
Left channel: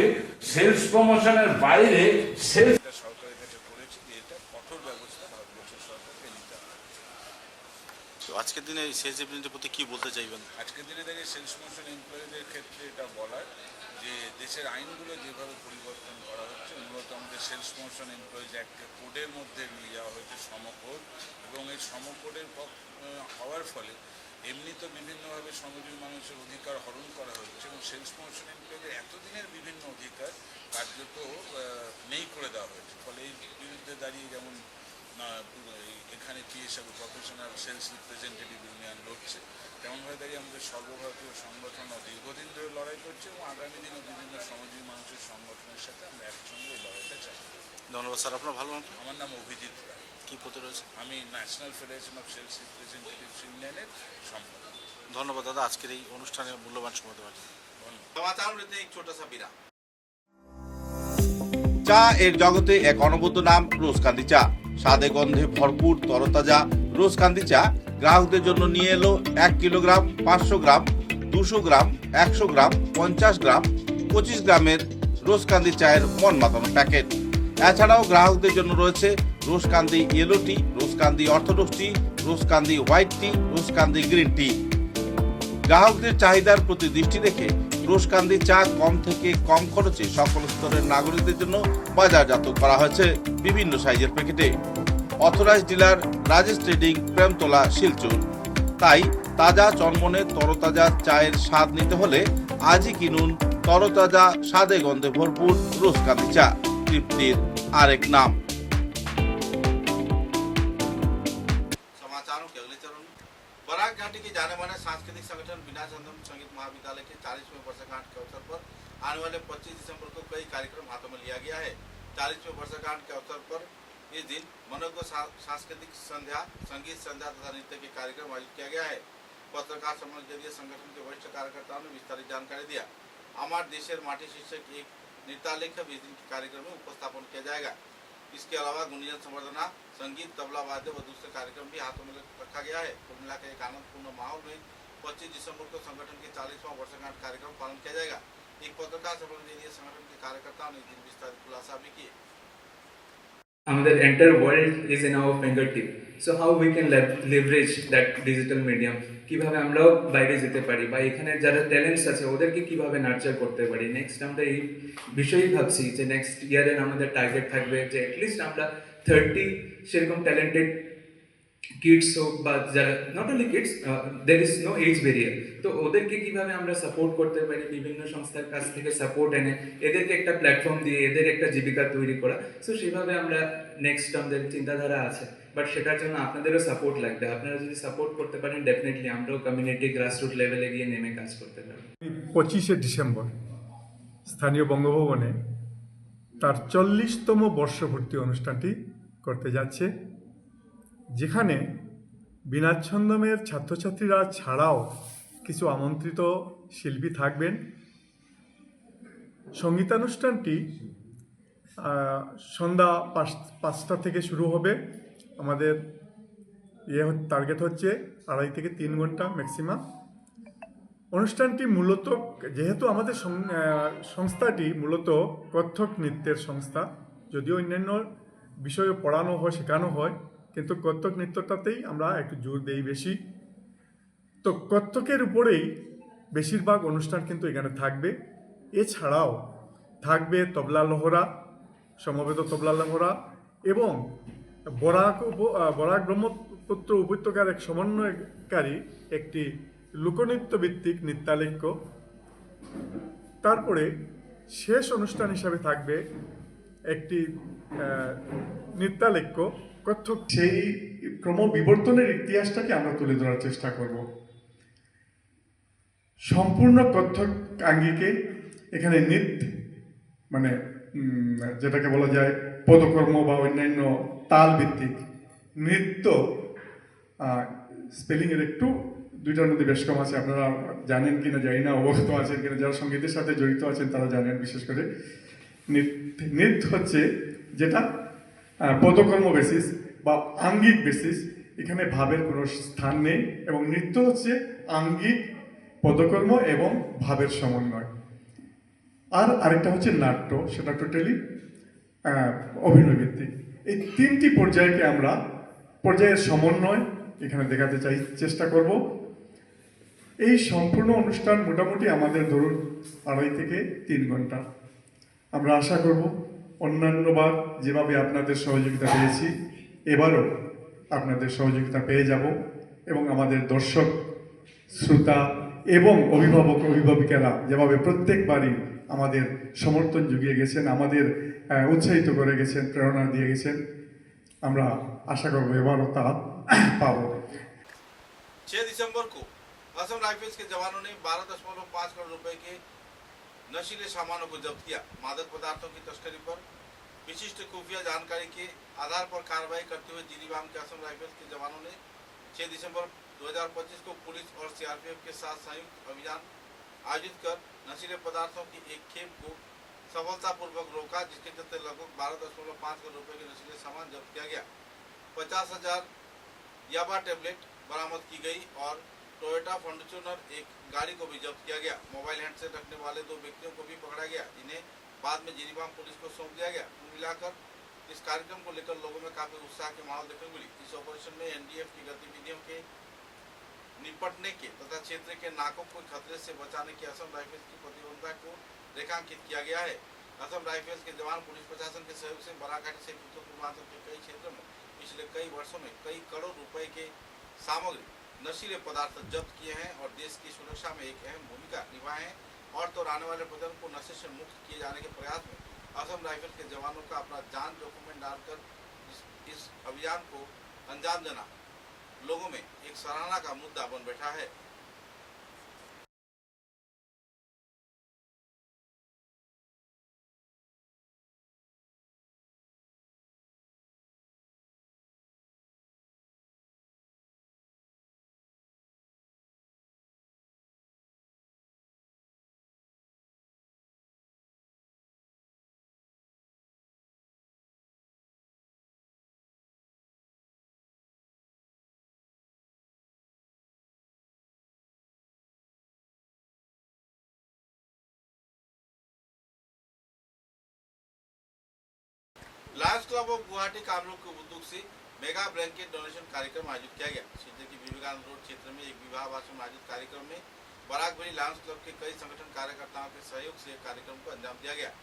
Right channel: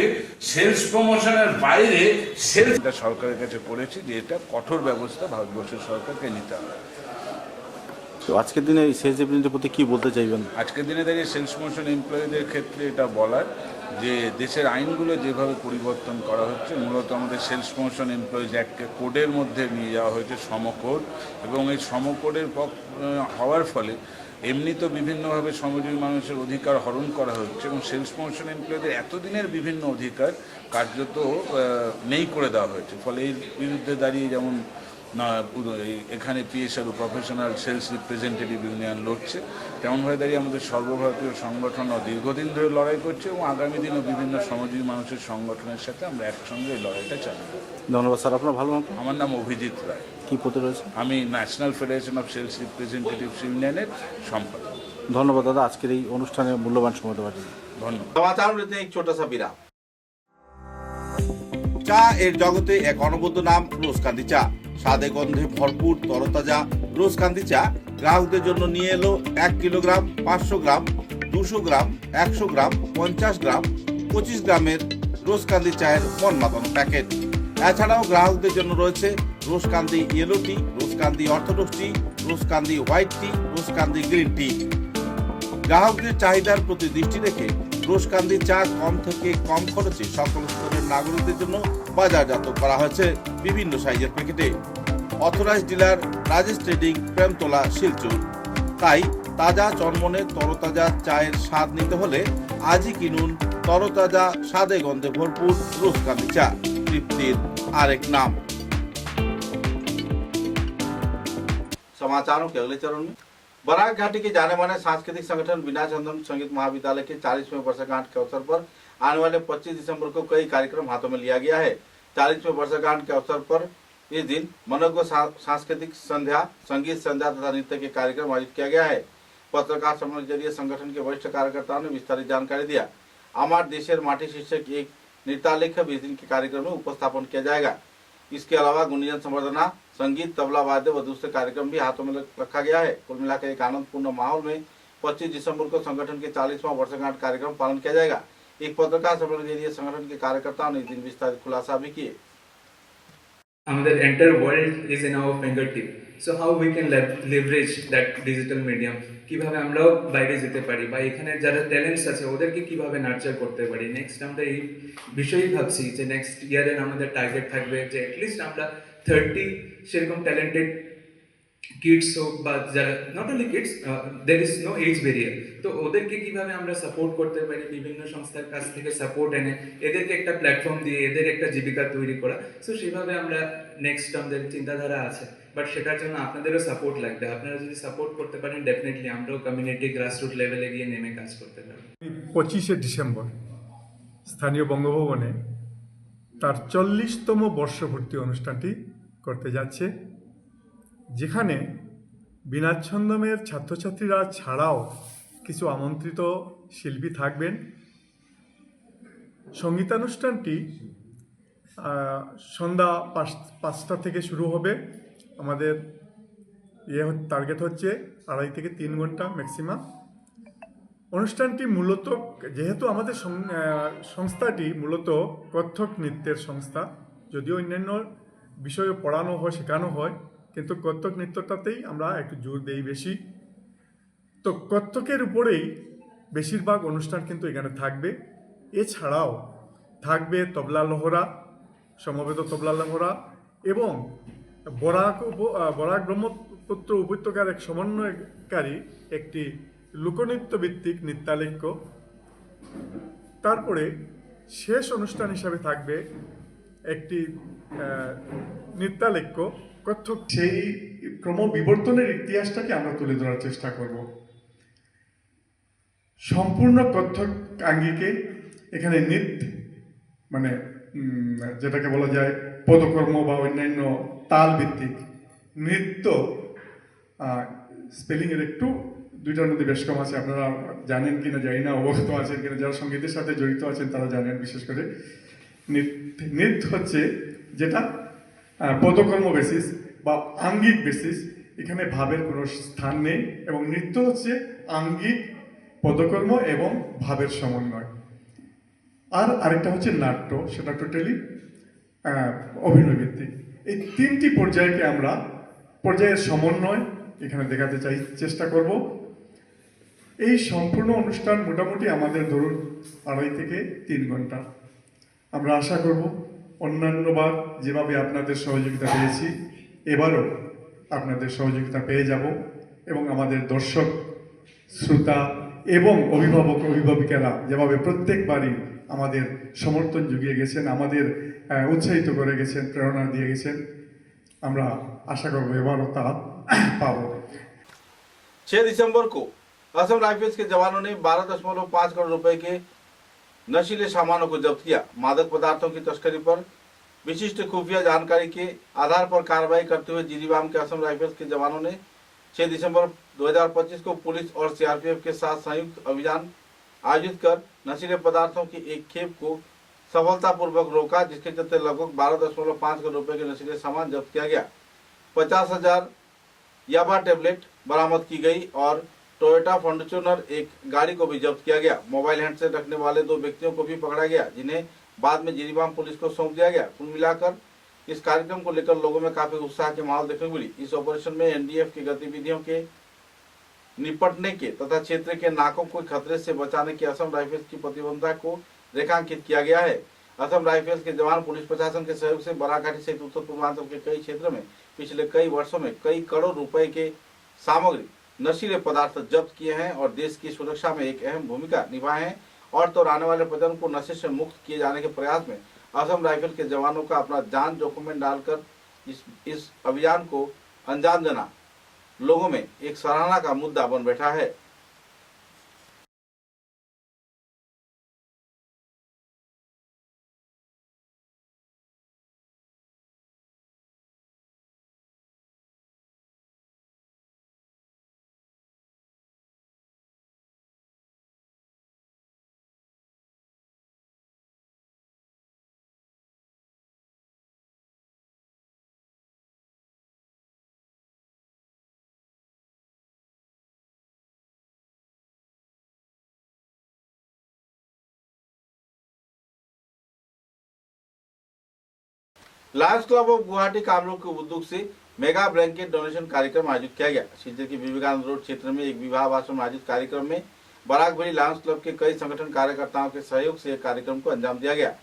সেলস প্রমোশনের বাইরে সেলস। সরকারের কাছে করেছি যে এটা কঠোর ব্যবস্থা ভারতবর্ষের সরকারকে নিতে হবে। তো আজকের দিনে এই সেলস রিপ্রেজেন্টেটিভ প্রতি কি বলতে চাইবেন? আজকের দিনে দাঁড়িয়ে সেলস প্রমোশন এমপ্লয়ীদের ক্ষেত্রে এটা বলার যে দেশের আইনগুলো যেভাবে পরিবর্তন করা হচ্ছে, মূলত আমাদের সেলস প্রমোশন এমপ্লয়িজ অ্যাক্টকে কোডের মধ্যে নিয়ে যাওয়া হয়েছে, সমকোড, এবং এই সমকোডের হওয়ার ফলে এমনি তো বিভিন্নভাবে শ্রমজীবী মানুষের অধিকার হরণ করা হচ্ছে, এবং সেলস প্রমোশন এমপ্লয়ীদের এতদিনের বিভিন্ন অধিকার কার্যত নেই করে দেওয়া হয়েছে। ফলে এর বিরুদ্ধে দাঁড়িয়ে যেমন এখানে PSR professional sales representative union লড়ছে, তেমনভাবে দাঁড়িয়ে আমাদের সর্বভারতীয় সংগঠনও দীর্ঘদিন ধরে লড়াই করছে, এবং আগামী দিনও বিভিন্ন শ্রমজীবী মানুষের সংগঠনের সাথে আমরা একসঙ্গে এই লড়াইটা চালিয়ে যাব। ধন্যবাদ স্যার। আপনার ভালো নাম? আমার নাম অভিজিৎ রায়। কি পদে রয়েছে? আমি national federation of sales representatives ইউনিয়নের সম্পাদক। ধন্যবাদ দাদা আজকের এই অনুষ্ঠানে মূল্যবান সময় দেওয়ার জন্য। ধন্যবাদ। समाचार में एक छोटा सा विराम। চা এর জগতে এক অনবদ্য নাম রোজকান্দি চা। স্বাদে গন্ধে ভরপুর তরতাজা রোজকান্দি চা গ্রাহকদের জন্য নিয়ে এলো 1 কিলোগ্রাম, 500 গ্রাম, 200 গ্রাম, 100 গ্রাম, 50 গ্রাম, 25 গ্রামের রোজকান্দি চায়ের মন মাতানো প্যাকেট। এছাড়াও গ্রাহকদের জন্য রয়েছে রোজকান্দি ইয়েলো টি, রোজকান্দি অর্থোডক্স টি, রোজকান্দি হোয়াইট টি, রোজকান্দি গ্রিন টি। গ্রাহকদের চাহিদার প্রতি দৃষ্টি রেখে রোজকান্দি চা কম থেকে কম খরচে সকল স্তরের নাগরিকদের জন্য বাজারজাত করা হয়েছে বিভিন্ন সাইজের প্যাকেটে। Authorised dealer Rajesh trading, Premtala, Silchar. তাই তাজা চনমনে তরতাজা চায়ের স্বাদ নিতে হলে আজই কিনুন তরতাজা স্বাদে গন্ধে ভরপুর রোজকান্দি চা, তৃপ্তির আরেক नाम। समाचारों के अगले चरण में बराक घाटी के जाने माने सांस्कृतिक संगठन बीना चंदन संगीत महाविद्यालय के 40वें वर्षगांठ के अवसर पर आने वाले 25 दिसंबर को कई कार्यक्रम हाथों में लिया गया है। 40वें वर्षगांठ के अवसर पर इस दिन मनोज्ञ सांस्कृतिक संध्या, संगीत संध्या तथा नृत्य के कार्यक्रम आयोजित किया गया है। पत्रकार सम्मेलन के जरिए संगठन के वरिष्ठ कार्यकर्ताओं ने विस्तारित जानकारी दिया। अमर देशेर माटी शीर्षक एक नृत्यालेख भी इस दिन के कार्यक्रम में उपस्थापन किया जाएगा। इसके अलावा गुंजन संवर्धना, संगीत, तबला वाद्य व दूसरे कार्यक्रम भी हाथों में रखा गया है। कुल मिलाकर एक आनंदपूर्ण माहौल में 25 दिसंबर को संगठन के 40वां वर्षगांठ कार्यक्रम पालन किया जाएगा। एक पत्रकार सम्मेलन के लिए संगठन के कार्यकर्ताओं ने इस दिन विस्तारित खुलासा भी किए। আমাদের entire world is in our fingertip, so how we can leverage that digital medium, কিভাবে আমরাও বাইরে যেতে পারি বা এখানে যারা ট্যালেন্টস আছে ওদেরকে কিভাবে নার্চার করতে পারি। নেক্সট আমরা এই বিষয়ই ভাবছি যে নেক্সট ইয়ারে আমাদের টার্গেট থাকবে যে অ্যাটলিস্ট আমরা 30 সেরকম ট্যালেন্টেড কিডস হোক বা যারা not only kids, there is no age barrier, তো ওদেরকে কিভাবে আমরা সাপোর্ট করতে পারি, বিভিন্ন সংস্থার কাছ থেকে সাপোর্ট এনে এদেরকে একটা প্ল্যাটফর্ম দিয়ে এদের একটা জীবিকা তৈরি করা। সো সেভাবে আমরা নেক্সট আমাদের চিন্তাধারা আছে, বাট সেটার জন্য আপনাদেরও সাপোর্ট লাগবে। আপনারা যদি সাপোর্ট করতে পারেন ডেফিনেটলি আমরাও কমিউনিটি গ্রাসরুট লেভেলে গিয়ে নেমে কাজ করতে পারবো। 25শে ডিসেম্বর স্থানীয় বঙ্গভবনে তার 40তম বর্ষপূর্তি অনুষ্ঠানটি করতে যাচ্ছে, যেখানে বীণা ছন্দমের ছাত্রছাত্রীরা ছাড়াও কিছু আমন্ত্রিত শিল্পী থাকবেন। সঙ্গীতানুষ্ঠানটি সন্ধ্যা 5টা থেকে শুরু হবে। আমাদের টার্গেট হচ্ছে 2.5 থেকে 3 ঘন্টা ম্যাক্সিমাম। অনুষ্ঠানটি মূলত, যেহেতু আমাদের সংস্থাটি মূলত কত্থক নৃত্যের সংস্থা, যদিও অন্যান্য বিষয়ে পড়ানো হয়, শেখানো হয়, কিন্তু কত্থক নৃত্যটাতেই আমরা একটু জোর দেই বেশি। তো কত্থকের উপরেই বেশিরভাগ অনুষ্ঠান কিন্তু এখানে থাকবে। এছাড়াও থাকবে তবলা লহরা, সমবেত তবলা লহরা এবং বরাক ব্রহ্মপুত্র উপত্যকার এক সমন্বয়কারী একটি লোকনৃত্য ভিত্তিক নৃত্যালেখ্য। তারপরে শেষ অনুষ্ঠান হিসাবে থাকবে একটি নৃত্যালেখ্য কত্থক। সেই ক্রমবিবর্তনের ইতিহাসটাকে আমরা তুলে ধরার চেষ্টা করব। সম্পূর্ণ কত্থক আঙ্গিকে এখানে নৃত্য, মানে যেটাকে বলা যায় পদকর্ম বা অন্যান্য তাল ভিত্তিক নৃত্য, স্পেলিংয়ের একটু দুইটার মধ্যে বেশ কম আছে, আপনারা জানেন কিনা জানি না, অবগত আছেন কিনা, যারা সঙ্গীতের সাথে জড়িত আছেন তারা জানেন। বিশেষ করে নৃত্য হচ্ছে যেটা পদকর্ম বেসিস বা আঙ্গিক বেসিস, এখানে ভাবের কোনো স্থান নেই, এবং নৃত্য হচ্ছে আঙ্গিক, পদকর্ম এবং ভাবের সমন্বয়। আর আরেকটা হচ্ছে নাট্য, সেটা টোটালি অভিনয় ভিত্তিক। এই তিনটি পর্যায়কে আমরা পর্যায়ের সমন্বয় এখানে দেখাতে চেষ্টা করব। এই সম্পূর্ণ অনুষ্ঠান মোটামুটি আমাদের ধরুন 2.5 থেকে 3 ঘন্টা। আমরা আশা করব অন্যান্যবার যেভাবে আপনাদের সহযোগিতা পেয়েছি, এবারও আপনাদের সহযোগিতা পেয়ে যাব, এবং আমাদের দর্শক, শ্রোতা এবং অভিভাবক অভিভাবিকারা যেভাবে প্রত্যেকবারই আমাদের সমর্থন জুগিয়ে গেছেন, আমাদের উৎসাহিত করে গেছেন, প্রেরণা দিয়ে গেছেন, আমরা আশা করব এবারও তা পাবো। 6 दिसंबर को असम राइफल्स के जवानों ने 12.5 करोड़ रुपए के नशीले सामानों को जब्त किया। मादक पदार्थों की तस्करी पर विशिष्ट खुफिया जानकारी के आधार पर कार्रवाई करते हुए जिरीबाम के असम राइफल्स के जवानों ने 6 दिसंबर 2025 को पुलिस और सीआरपीएफ के साथ संयुक्त अभियान आयोजित कर नशीले पदार्थों की एक खेप को सफलतापूर्वक रोका, जिसके चलते लगभग 12.5 करोड़ रुपए के नशीले सामान जब्त किया गया। 50,000 याबा टेबलेट बरामद की गई और टोयोटा फॉर्च्यूनर एक गाड़ी को भी जब्त किया गया। मोबाइल हैंडसेट रखने वाले 2 व्यक्तियों को भी पकड़ा गया, जिन्हें बाद में जिरीबाम पुलिस को सौंप दिया गया। कुल मिलाकर इस कार्यक्रम को लेकर लोगों में काफी उत्साह के माहौल देखने को मिली। इस ऑपरेशन में एनडीएफ की गतिविधियों के निपटने के तथा क्षेत्र के नाकों को खतरे से बचाने की असम राइफल्स की प्रतिबद्धता को रेखांकित किया गया है। असम राइफल्स के जवान पुलिस प्रशासन के सहयोग से बराघाटी सहित उत्तर पूर्वांचल के कई क्षेत्र में पिछले कई वर्षों में कई करोड़ रुपए के सामग्री, नशीले पदार्थ जब्त किए हैं और देश की सुरक्षा में एक अहम भूमिका निभाए हैं। और तो आने वाले प्रजनन को नशे से मुक्त किए जाने के प्रयास में असम राइफल के जवानों का अपना जान जोखिम में डालकर इस अभियान को अंजाम देना लोगों में एक सराहना का मुद्दा बन बैठा है। Lions club of Guwahati Kamrup के उद्योग से मेगा ब्लैंकेट डोनेशन कार्यक्रम आयोजित किया गया। शिलचर के विवेकानंद रोड क्षेत्र में एक विवाह आश्रम में आयोजित कार्यक्रम में बराकभरी लायंस क्लब के कई संगठन कार्यकर्ताओं के सहयोग से कार्यक्रम को अंजाम दिया गया।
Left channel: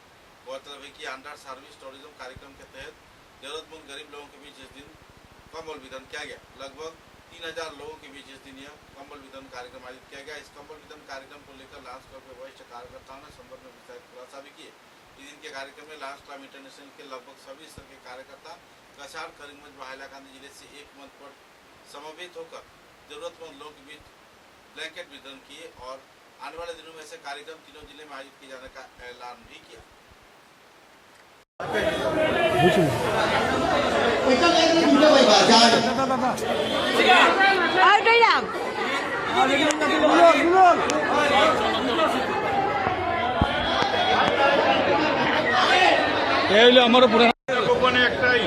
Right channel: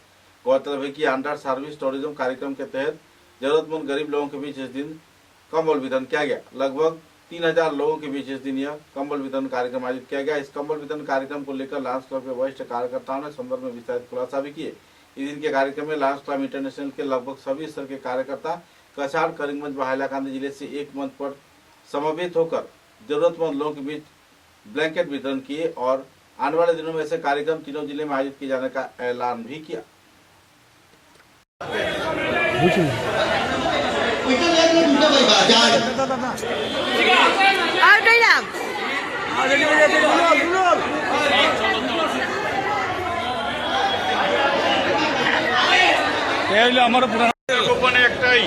गौरतलब है कि अंडर सर्विस टूरिज्म कार्यक्रम के तहत जरूरतमंद गरीब लोगों के बीच इस दिन कंबल वितरण किया गया। लगभग 3000 लोगों के बीच इस दिन यह कंबल वितरण कार्यक्रम आयोजित किया गया। इस कंबल वितरण कार्यक्रम को लेकर लायंस क्लब के वरिष्ठ कार्यकर्ताओं ने संदर्भ में विस्तारित खुलासा भी किए। इस दिन के कार्यक्रम में लायंस क्लब इंटरनेशनल के लगभग सभी स्तर के कार्यकर्ता कछाड़, करीमगंज व हैलाकांदी जिले से एक मंच पर समवेत होकर जरूरतमंद लोगों के बीच ब्लैंकेट वितरण किए और आने वाले दिनों में ऐसे कार्यक्रम तीनों जिले में आयोजित किए जाने का ऐलान भी किया। আমার পুরো একটাই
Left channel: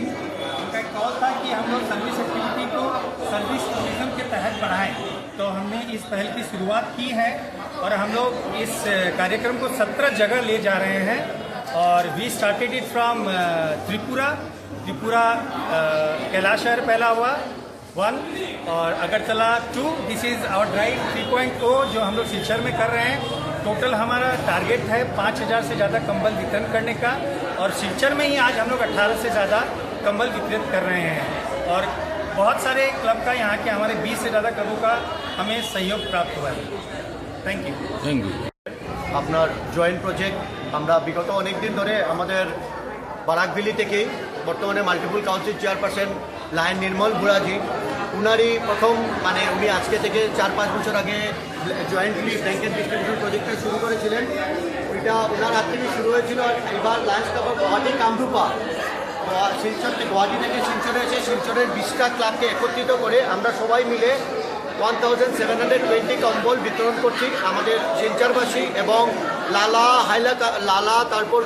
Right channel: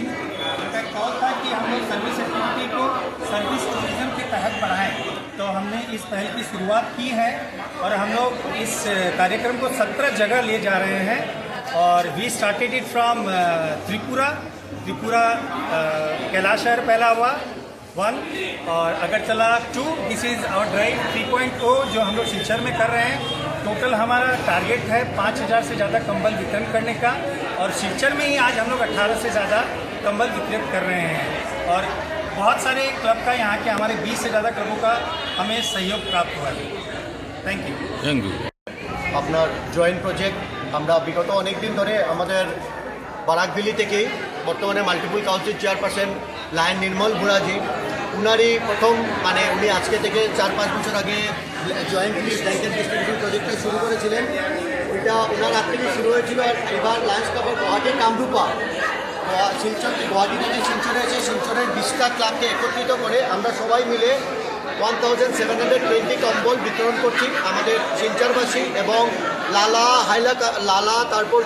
थी, उनका एक कॉल था कि हम लोग सर्विस एक्टिविटी को सर्विस टूरिज्म के तहत बढ़ाएं। तो हमने इस पहल की शुरुआत की है और हम लोग इस कार्यक्रम को 17 जगह ले जा रहे हैं। और we started it from Tripura Kailashahar पहला हुआ 1 और Agartala 2। This is our drive 3.0 जो हम लोग सिलचर में कर रहे हैं। टोटल हमारा टारगेट है 5000 से ज़्यादा कंबल वितरण करने का और सिलचर में ही आज हम लोग 18 से ज़्यादा कंबल वितरित कर रहे हैं। और बहुत सारे क्लब का यहाँ के हमारे 20 से ज़्यादा क्लबों का हमें सहयोग प्राप्त हुआ है। Thank you. আপনার জয়েন্ট প্রজেক্ট আমরা বিগত অনেক দিন ধরে আমাদের বারাকভেলি থেকেই বর্তমানে মাল্টিপল কাউন্সিল চেয়ারপারসন লায়ন নির্মল বুড়াজি উনারই প্রথম মানে উনি আজকে থেকে 4-5 বছর আগে জয়েন্টলি ব্ল্যাঙ্কেট ডিস্ট্রিবিউশন প্রজেক্টটা শুরু করেছিলেন। ওইটা ওনার হাত থেকে শুরু হয়েছিল। আর এবার লাঞ্চ কাপড় গুয়াহাটি কামরূপা শিলচর গুয়াহাটি থেকে শিলচরে এসে শিলচরের 20টা ক্লাবকে একত্রিত করে আমরা সবাই মিলে 1720 কম্বল বিতরণ করছি আমাদের শিলচরবাসী এবং লালা তারপর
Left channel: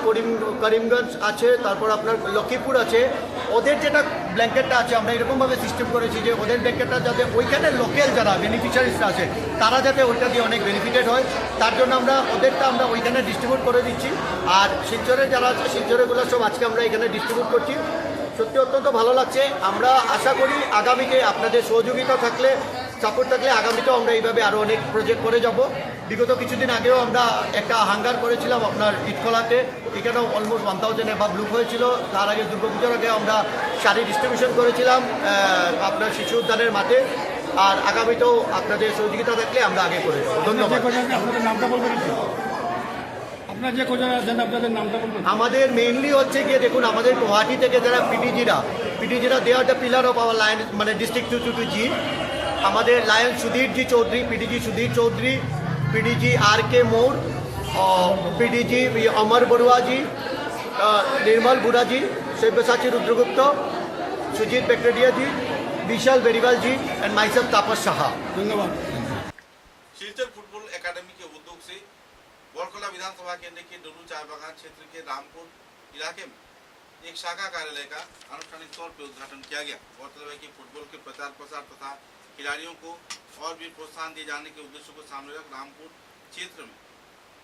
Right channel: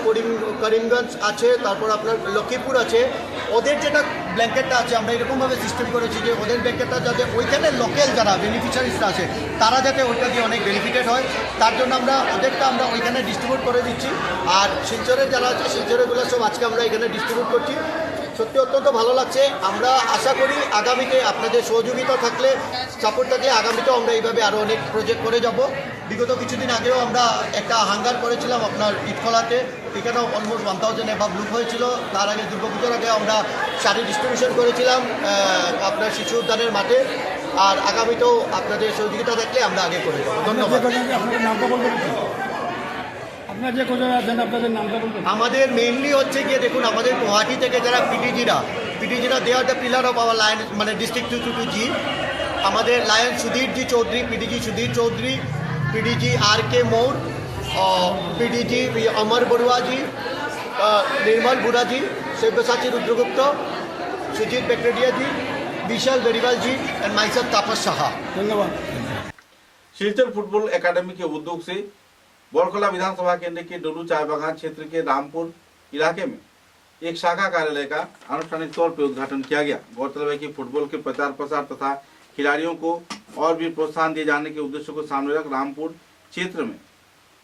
করিমগঞ্জ আছে, তারপর আপনার লক্ষ্মীপুর আছে। ওদের যেটা ব্ল্যাঙ্কেটটা আছে আমরা এরকমভাবে সিস্টেম করেছি যে ওদের ব্ল্যাঙ্কেটটা যাতে ওইখানে লোকাল যারা বেনিফিশিয়ারিসরা আছে তারা যাতে ওইটা দিয়ে অনেক বেনিফিটেড হয় তার জন্য আমরা ওদেরটা আমরা ওইখানে ডিস্ট্রিবিউট করে দিচ্ছি। আর শিলচরে যারা আছে শিলচরেগুলো সব আজকে আমরা এখানে ডিস্ট্রিবিউট করছি। সত্যি অত্যন্ত ভালো লাগছে। আমরা আশা করি আগামীতে আপনাদের সহযোগিতা থাকলে সাপোর্ট থাকলে আগামীতেও আমরা এইভাবে আরও অনেক প্রজেক্ট করে যাব। বিগত কিছুদিন আগেও আমরা একটা হাঙ্গার করেছিলাম আপনার ইটখলাতে, এখানেও অলমোস্ট 1000 এভাব লুক হয়েছিল। তার আগে দুর্গাপুজোর আগে আমরা শাড়ি ডিস্ট্রিবিউশন করেছিলাম আপনার শিশু উদ্যানের মাঠে। আর আগামীতেও আপনাদের সহযোগিতা থাকলে আমরা আগে করে যাব। ধন্যবাদ। আমাদের মেইনলি হচ্ছে গিয়ে দেখুন আমাদের গুয়াহাটি থেকে যারা পিটিজিরা they are the pillar of our lion মানে ডিস্ট্রিক্ট 222G। আমাদের lion Sudhirji Choudhury, PDG Sudhir Choudhury, PDG RK Maur, PDG Amar Baruaji, Nirmal Bura ji, Sabyasachi Rudragupta, Sujit Bekaredia ji, Vishal Beriwal ji and myself Tapas Saha. Silchar football academy के उद्योग से बोरखला विधानसभा केंद्र के डोलू चाय बागान क्षेत्र के रामपुर इलाके में एक शाखा कार्यालय का आनुष्ठानिक तौर पर उद्घाटन किया गया। गौरतलब है कि फुटबॉल के प्रचार प्रसार तथा खिलाड़ियों को और भी प्रोत्साहन दिए जाने के उद्देश्य को सामने रख रामपुर क्षेत्र में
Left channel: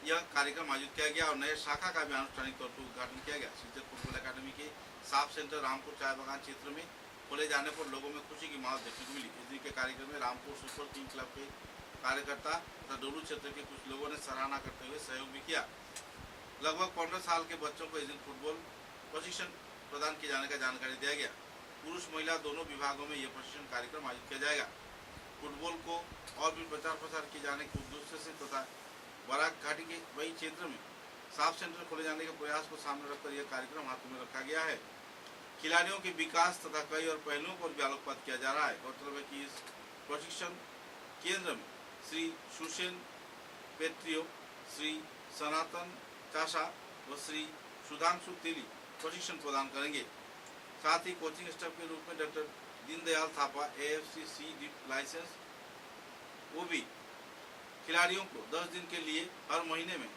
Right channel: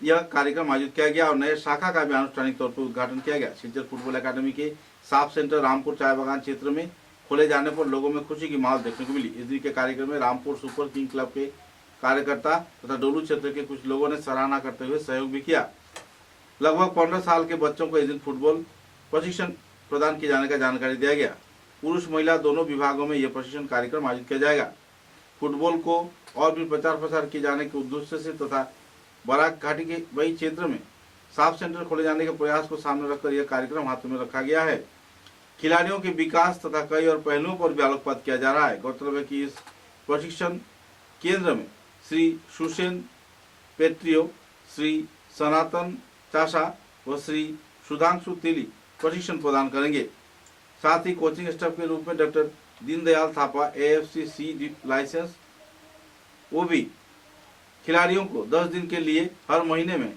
यह कार्यक्रम आयोजित किया गया और नए शाखा का भी आनुष्ठानिक तौर पर उद्घाटन किया गया। शिलचर फुटबॉल एकेडमी के साफ सेंटर रामपुर चाय बागान क्षेत्र में खोले जाने पर लोगों में खुशी की माहौल देखने को मिली। इस दिन के कार्यक्रम में रामपुर सुपर किंग क्लब के कार्यकर्ता तथा डोलू क्षेत्र के कुछ लोगों ने सराहना करते हुए सहयोग भी किया। लगभग 15 साल के बच्चों को इस दिन फुटबॉल प्रशिक्षण प्रदान किए जाने का जानकारी दिया गया। पुरुष महिला दोनों विभागों में यह प्रशिक्षण कार्यक्रम आयोजित किया जाएगा। फुटबॉल को और भी प्रचार प्रसार किए जाने के उद्देश्य से तथा बराक घाटी के वही क्षेत्र में साफ सेंटर खोले जाने के प्रयास को सामने रखकर यह कार्यक्रम हाथों में रखा गया है। खिलाड़ियों के विकास तथा कई और पहलुओं पर भी आलोकपात किया जा रहा है। गौरतलब है कि इस प्रशिक्षण केंद्र में श्री सुसेन पेट्रियो, श्री सनातन चाशा व श्री सुधांशु तेली प्रशिक्षण प्रदान करेंगे। साथ ही कोचिंग स्टाफ के रूप में doctor Deendayal Thapa AFC-C licence वो भी खिलाड़ियों को 10 दिन के लिए हर महीने में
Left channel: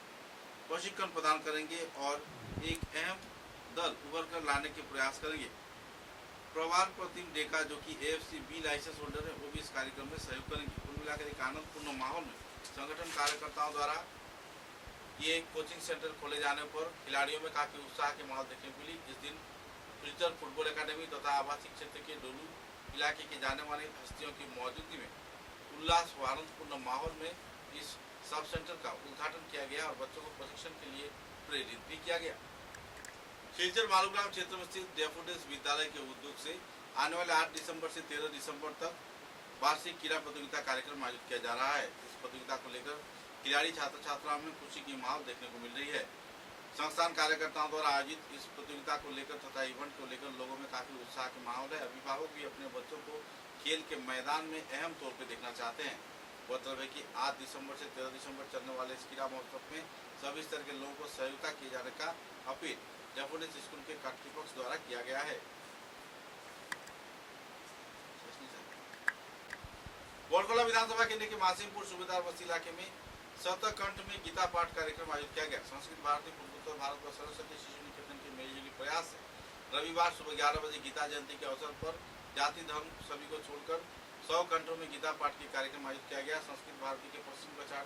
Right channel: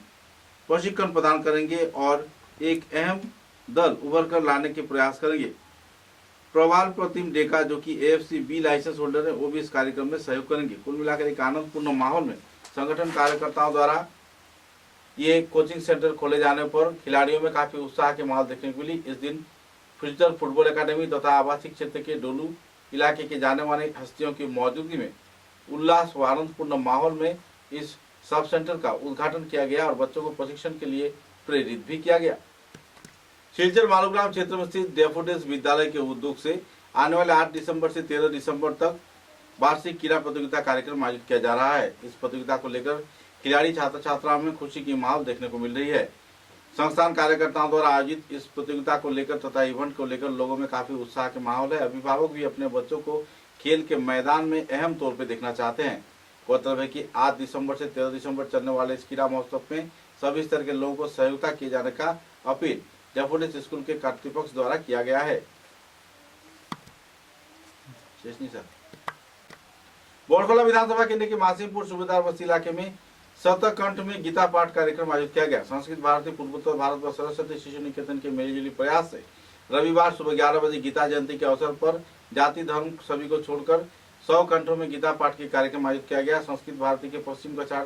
प्रशिक्षण प्रदान करेंगे और एक अहम दल उभर कर लाने के प्रयास करेंगे। प्रवाल प्रतिम डेका जो कि AFC-B लाइसेंस होल्डर है वो भी इस कार्यक्रम में सहयोग करेंगे। कुल मिलाकर एक आनंदपूर्ण माहौल में संगठन कार्यकर्ताओं द्वारा ये कोचिंग सेंटर खोले जाने पर खिलाड़ियों में काफी उत्साह के माहौल देखने को मिली। इस दिन शिलचर फुटबॉल एकेडमी तथा आवासीय क्षेत्र के डोलू इलाके के जाने माने हस्तियों की मौजूदगी में उल्लास व आनंदपूर्ण माहौल में इस सब सेंटर का उद्घाटन किया गया और बच्चों को प्रशिक्षण के लिए प्रेरित भी किया गया। शिलचर मालूग्राम क्षेत्र में स्थित डेफोडिल्स विद्यालय के उद्योग से आने वाले 8 दिसंबर से 13 दिसंबर तक वार्षिक क्रीड़ा प्रतियोगिता कार्यक्रम आयोजित किया जा रहा है। इस प्रतियोगिता को लेकर खिलाड़ी छात्र छात्राओं में खुशी की माहौल देखने को मिल रही है। संस्थान कार्यकर्ताओं द्वारा आयोजित इस प्रतियोगिता को लेकर तथा इवेंट को लेकर लोगों में काफी उत्साह के माहौल है। अभिभावक भी अपने बच्चों को खेल के मैदान में अहम तौर पर देखना चाहते हैं। गौरतलब है कि 8 दिसंबर से 13 दिसंबर चलने वाले इस क्रीड़ा महोत्सव में सभी स्तर के लोगों को सहयोगिता किए जाने का अपील डेफोडिल्स स्कूल के कर्तृपक्ष द्वारा किया गया है। बोरखला विधानसभा केंद्र के मासीमपुर सूबेदार बस्ती इलाके में सप्तकंठ में गीता पाठ कार्यक्रम आयोजित किया गया। संस्कृत भारती पूर्वोत्तर भारत व सरस्वती शिशु निकेतन के मिलीजुली प्रयास से रविवार सुबह 11 बजे गीता जयंती के अवसर पर जाति धर्म सभी को छोड़कर 100 कंठों में गीता पाठ के कार्यक्रम आयोजित किया गया। संस्कृत भारती के पश्चिम कछाड़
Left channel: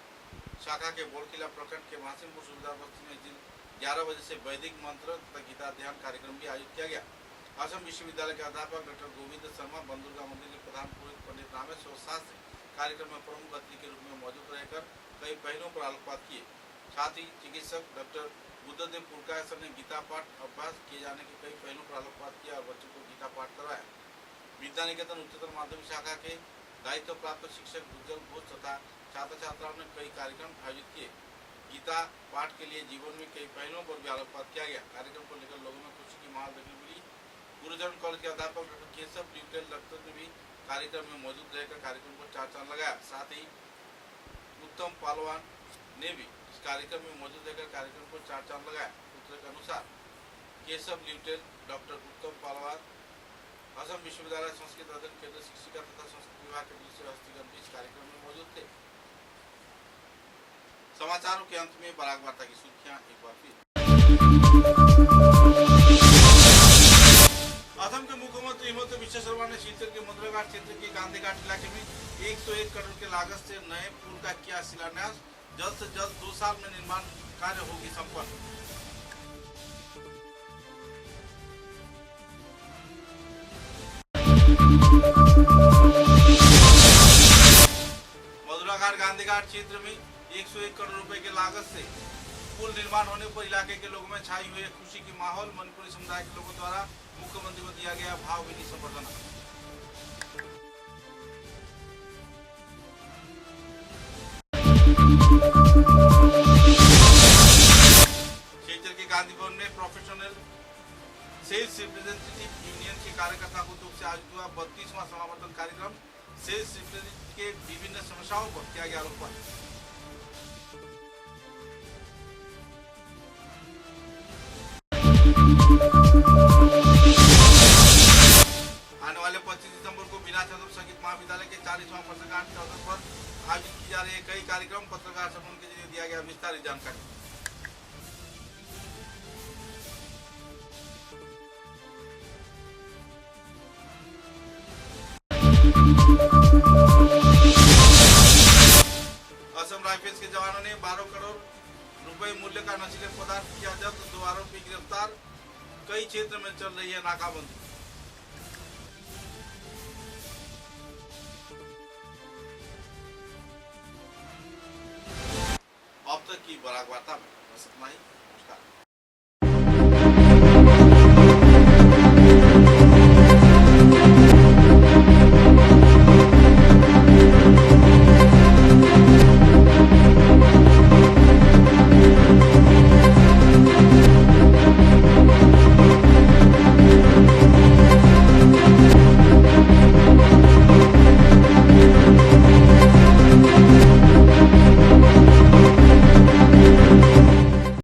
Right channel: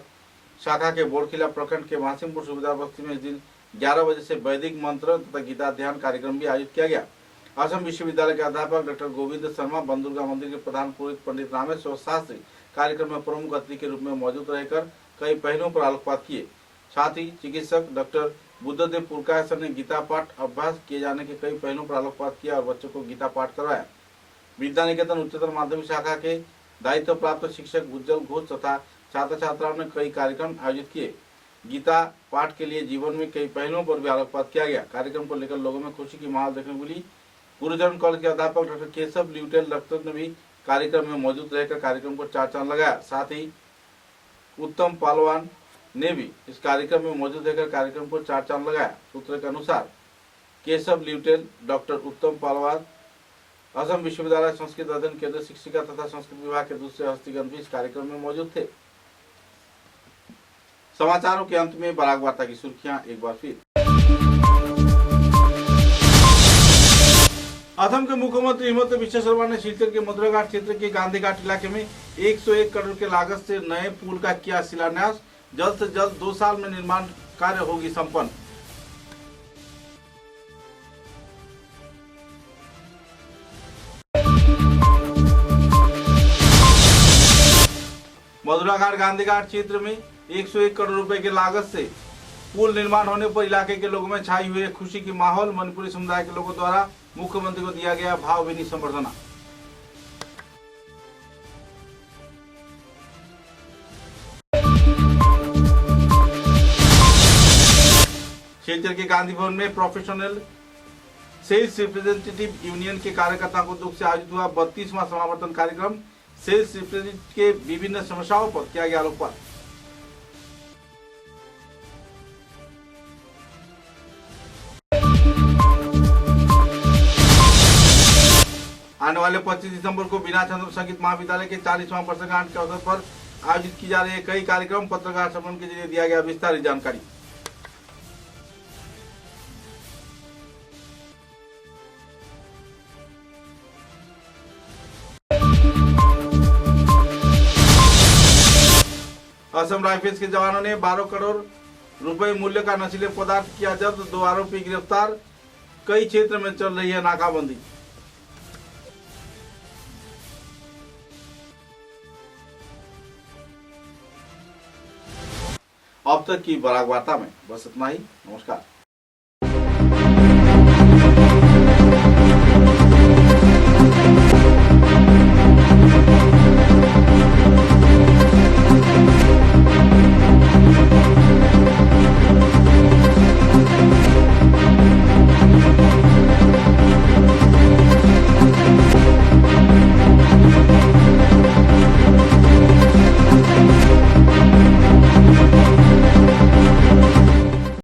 शाखा के बोरखिला प्रखंड के महासिमपुर सुबेदार बस्ती में इस दिन 11 बजे से वैदिक मंत्र तथा गीता ध्यान कार्यक्रम भी आयोजित किया गया। असम विश्वविद्यालय के अध्यापक डॉक्टर गोविंद शर्मा, बंदुर्गा मंदिर के प्रधान पुरोहित पंडित रामेश्वर शास्त्री कार्यक्रम में प्रमुख अतिथि के रूप में मौजूद रहकर कई पहलुओं पर आलोकपात किए। साथ ही चिकित्सक डॉक्टर बुद्धदेव पुरकायसर ने गीता पाठ अभ्यास किए जाने के कई पहलुओं पर आलोकपात किया और बच्चों को गीता पाठ करवाया। विद्या निकेतन उच्चतर माध्यमिक शाखा के दायित्व प्राप्त शिक्षक उज्जवल घोष तथा छात्र छात्राओं ने कई कार्यक्रम आयोजित किए। गीता पाठ के लिए जीवन में कई पहलुओं पर भी आलोकपात किया गया। कार्यक्रम को लेकर लोगों में खुशी की माहौल देखने को मिली। गुरुजन कॉलेज के अध्यापक डॉक्टर केशव ल्यूटेल रक्त ने भी कार्यक्रम में मौजूद रहकर कार्यक्रम को चार चांद लगाया। साथ ही उत्तम पालवान ने भी इस कार्यक्रम में मौजूद रहकर कार्यक्रम को चार चांद लगाया। सूत्र के अनुसार केशव ल्यूटेल, डॉक्टर उत्तम पालवान असम विश्वविद्यालय संस्कृत अध्ययन केंद्र शिक्षिका तथा संस्कृत विभाग के दूसरे हस्तीगण भी इस कार्यक्रम में मौजूद थे। समाचारों के अंत में बराक वार्ता की सुर्खियां एक बार फिर। असम के मुख्यमंत्री हिमंत बिश्व शर्मा ने सिलचर के मधुराघाट क्षेत्र के गांधी घाट इलाके में 101 करोड़ के लागत से नए पुल का किया शिलान्यास। जल्द से जल्द 2 साल में निर्माण कार्य होगी संपन्न। मधुराघाट गांधी घाट क्षेत्र में 101 करोड़ रुपए की लागत से पुल निर्माण होने पर इलाके के लोगों में छाई हुई है खुशी की माहौल। मणिपुरी समुदाय के लोगों द्वारा मुख्यमंत्री को दिया गया भावभीनी संबर्धना। सिलचर के गांधी भवन में प्रोफेशनल सेल्स रिप्रेजेंटेटिव यूनियन के कार्यकर्ताओं को दुख से आयोजित हुआ 32वां समावर्तन कार्यक्रम। सेल्स रिप्रेजेंटेटिव के विभिन्न समस्याओं पर किया गया आलोकपात। आने वाले 25 दिसंबर को बीना चंद्र संगीत महाविद्यालय के 40वां वर्षगांठ के अवसर पर आयोजित की जा रहे कई कार्यक्रम। पत्रकार सम्मेलन के जरिए दिया गया विस्तारित जानकारी। असम राइफल्स के जवानों ने 12 करोड़ रुपए मूल्य का नशीले पदार्थ किया जब्त। 2 आरोपी गिरफ्तार। कई क्षेत्र में चल रही है नाकाबंदी। अब तक की बराक वार्ता में बस इतना ही। नमस्कार।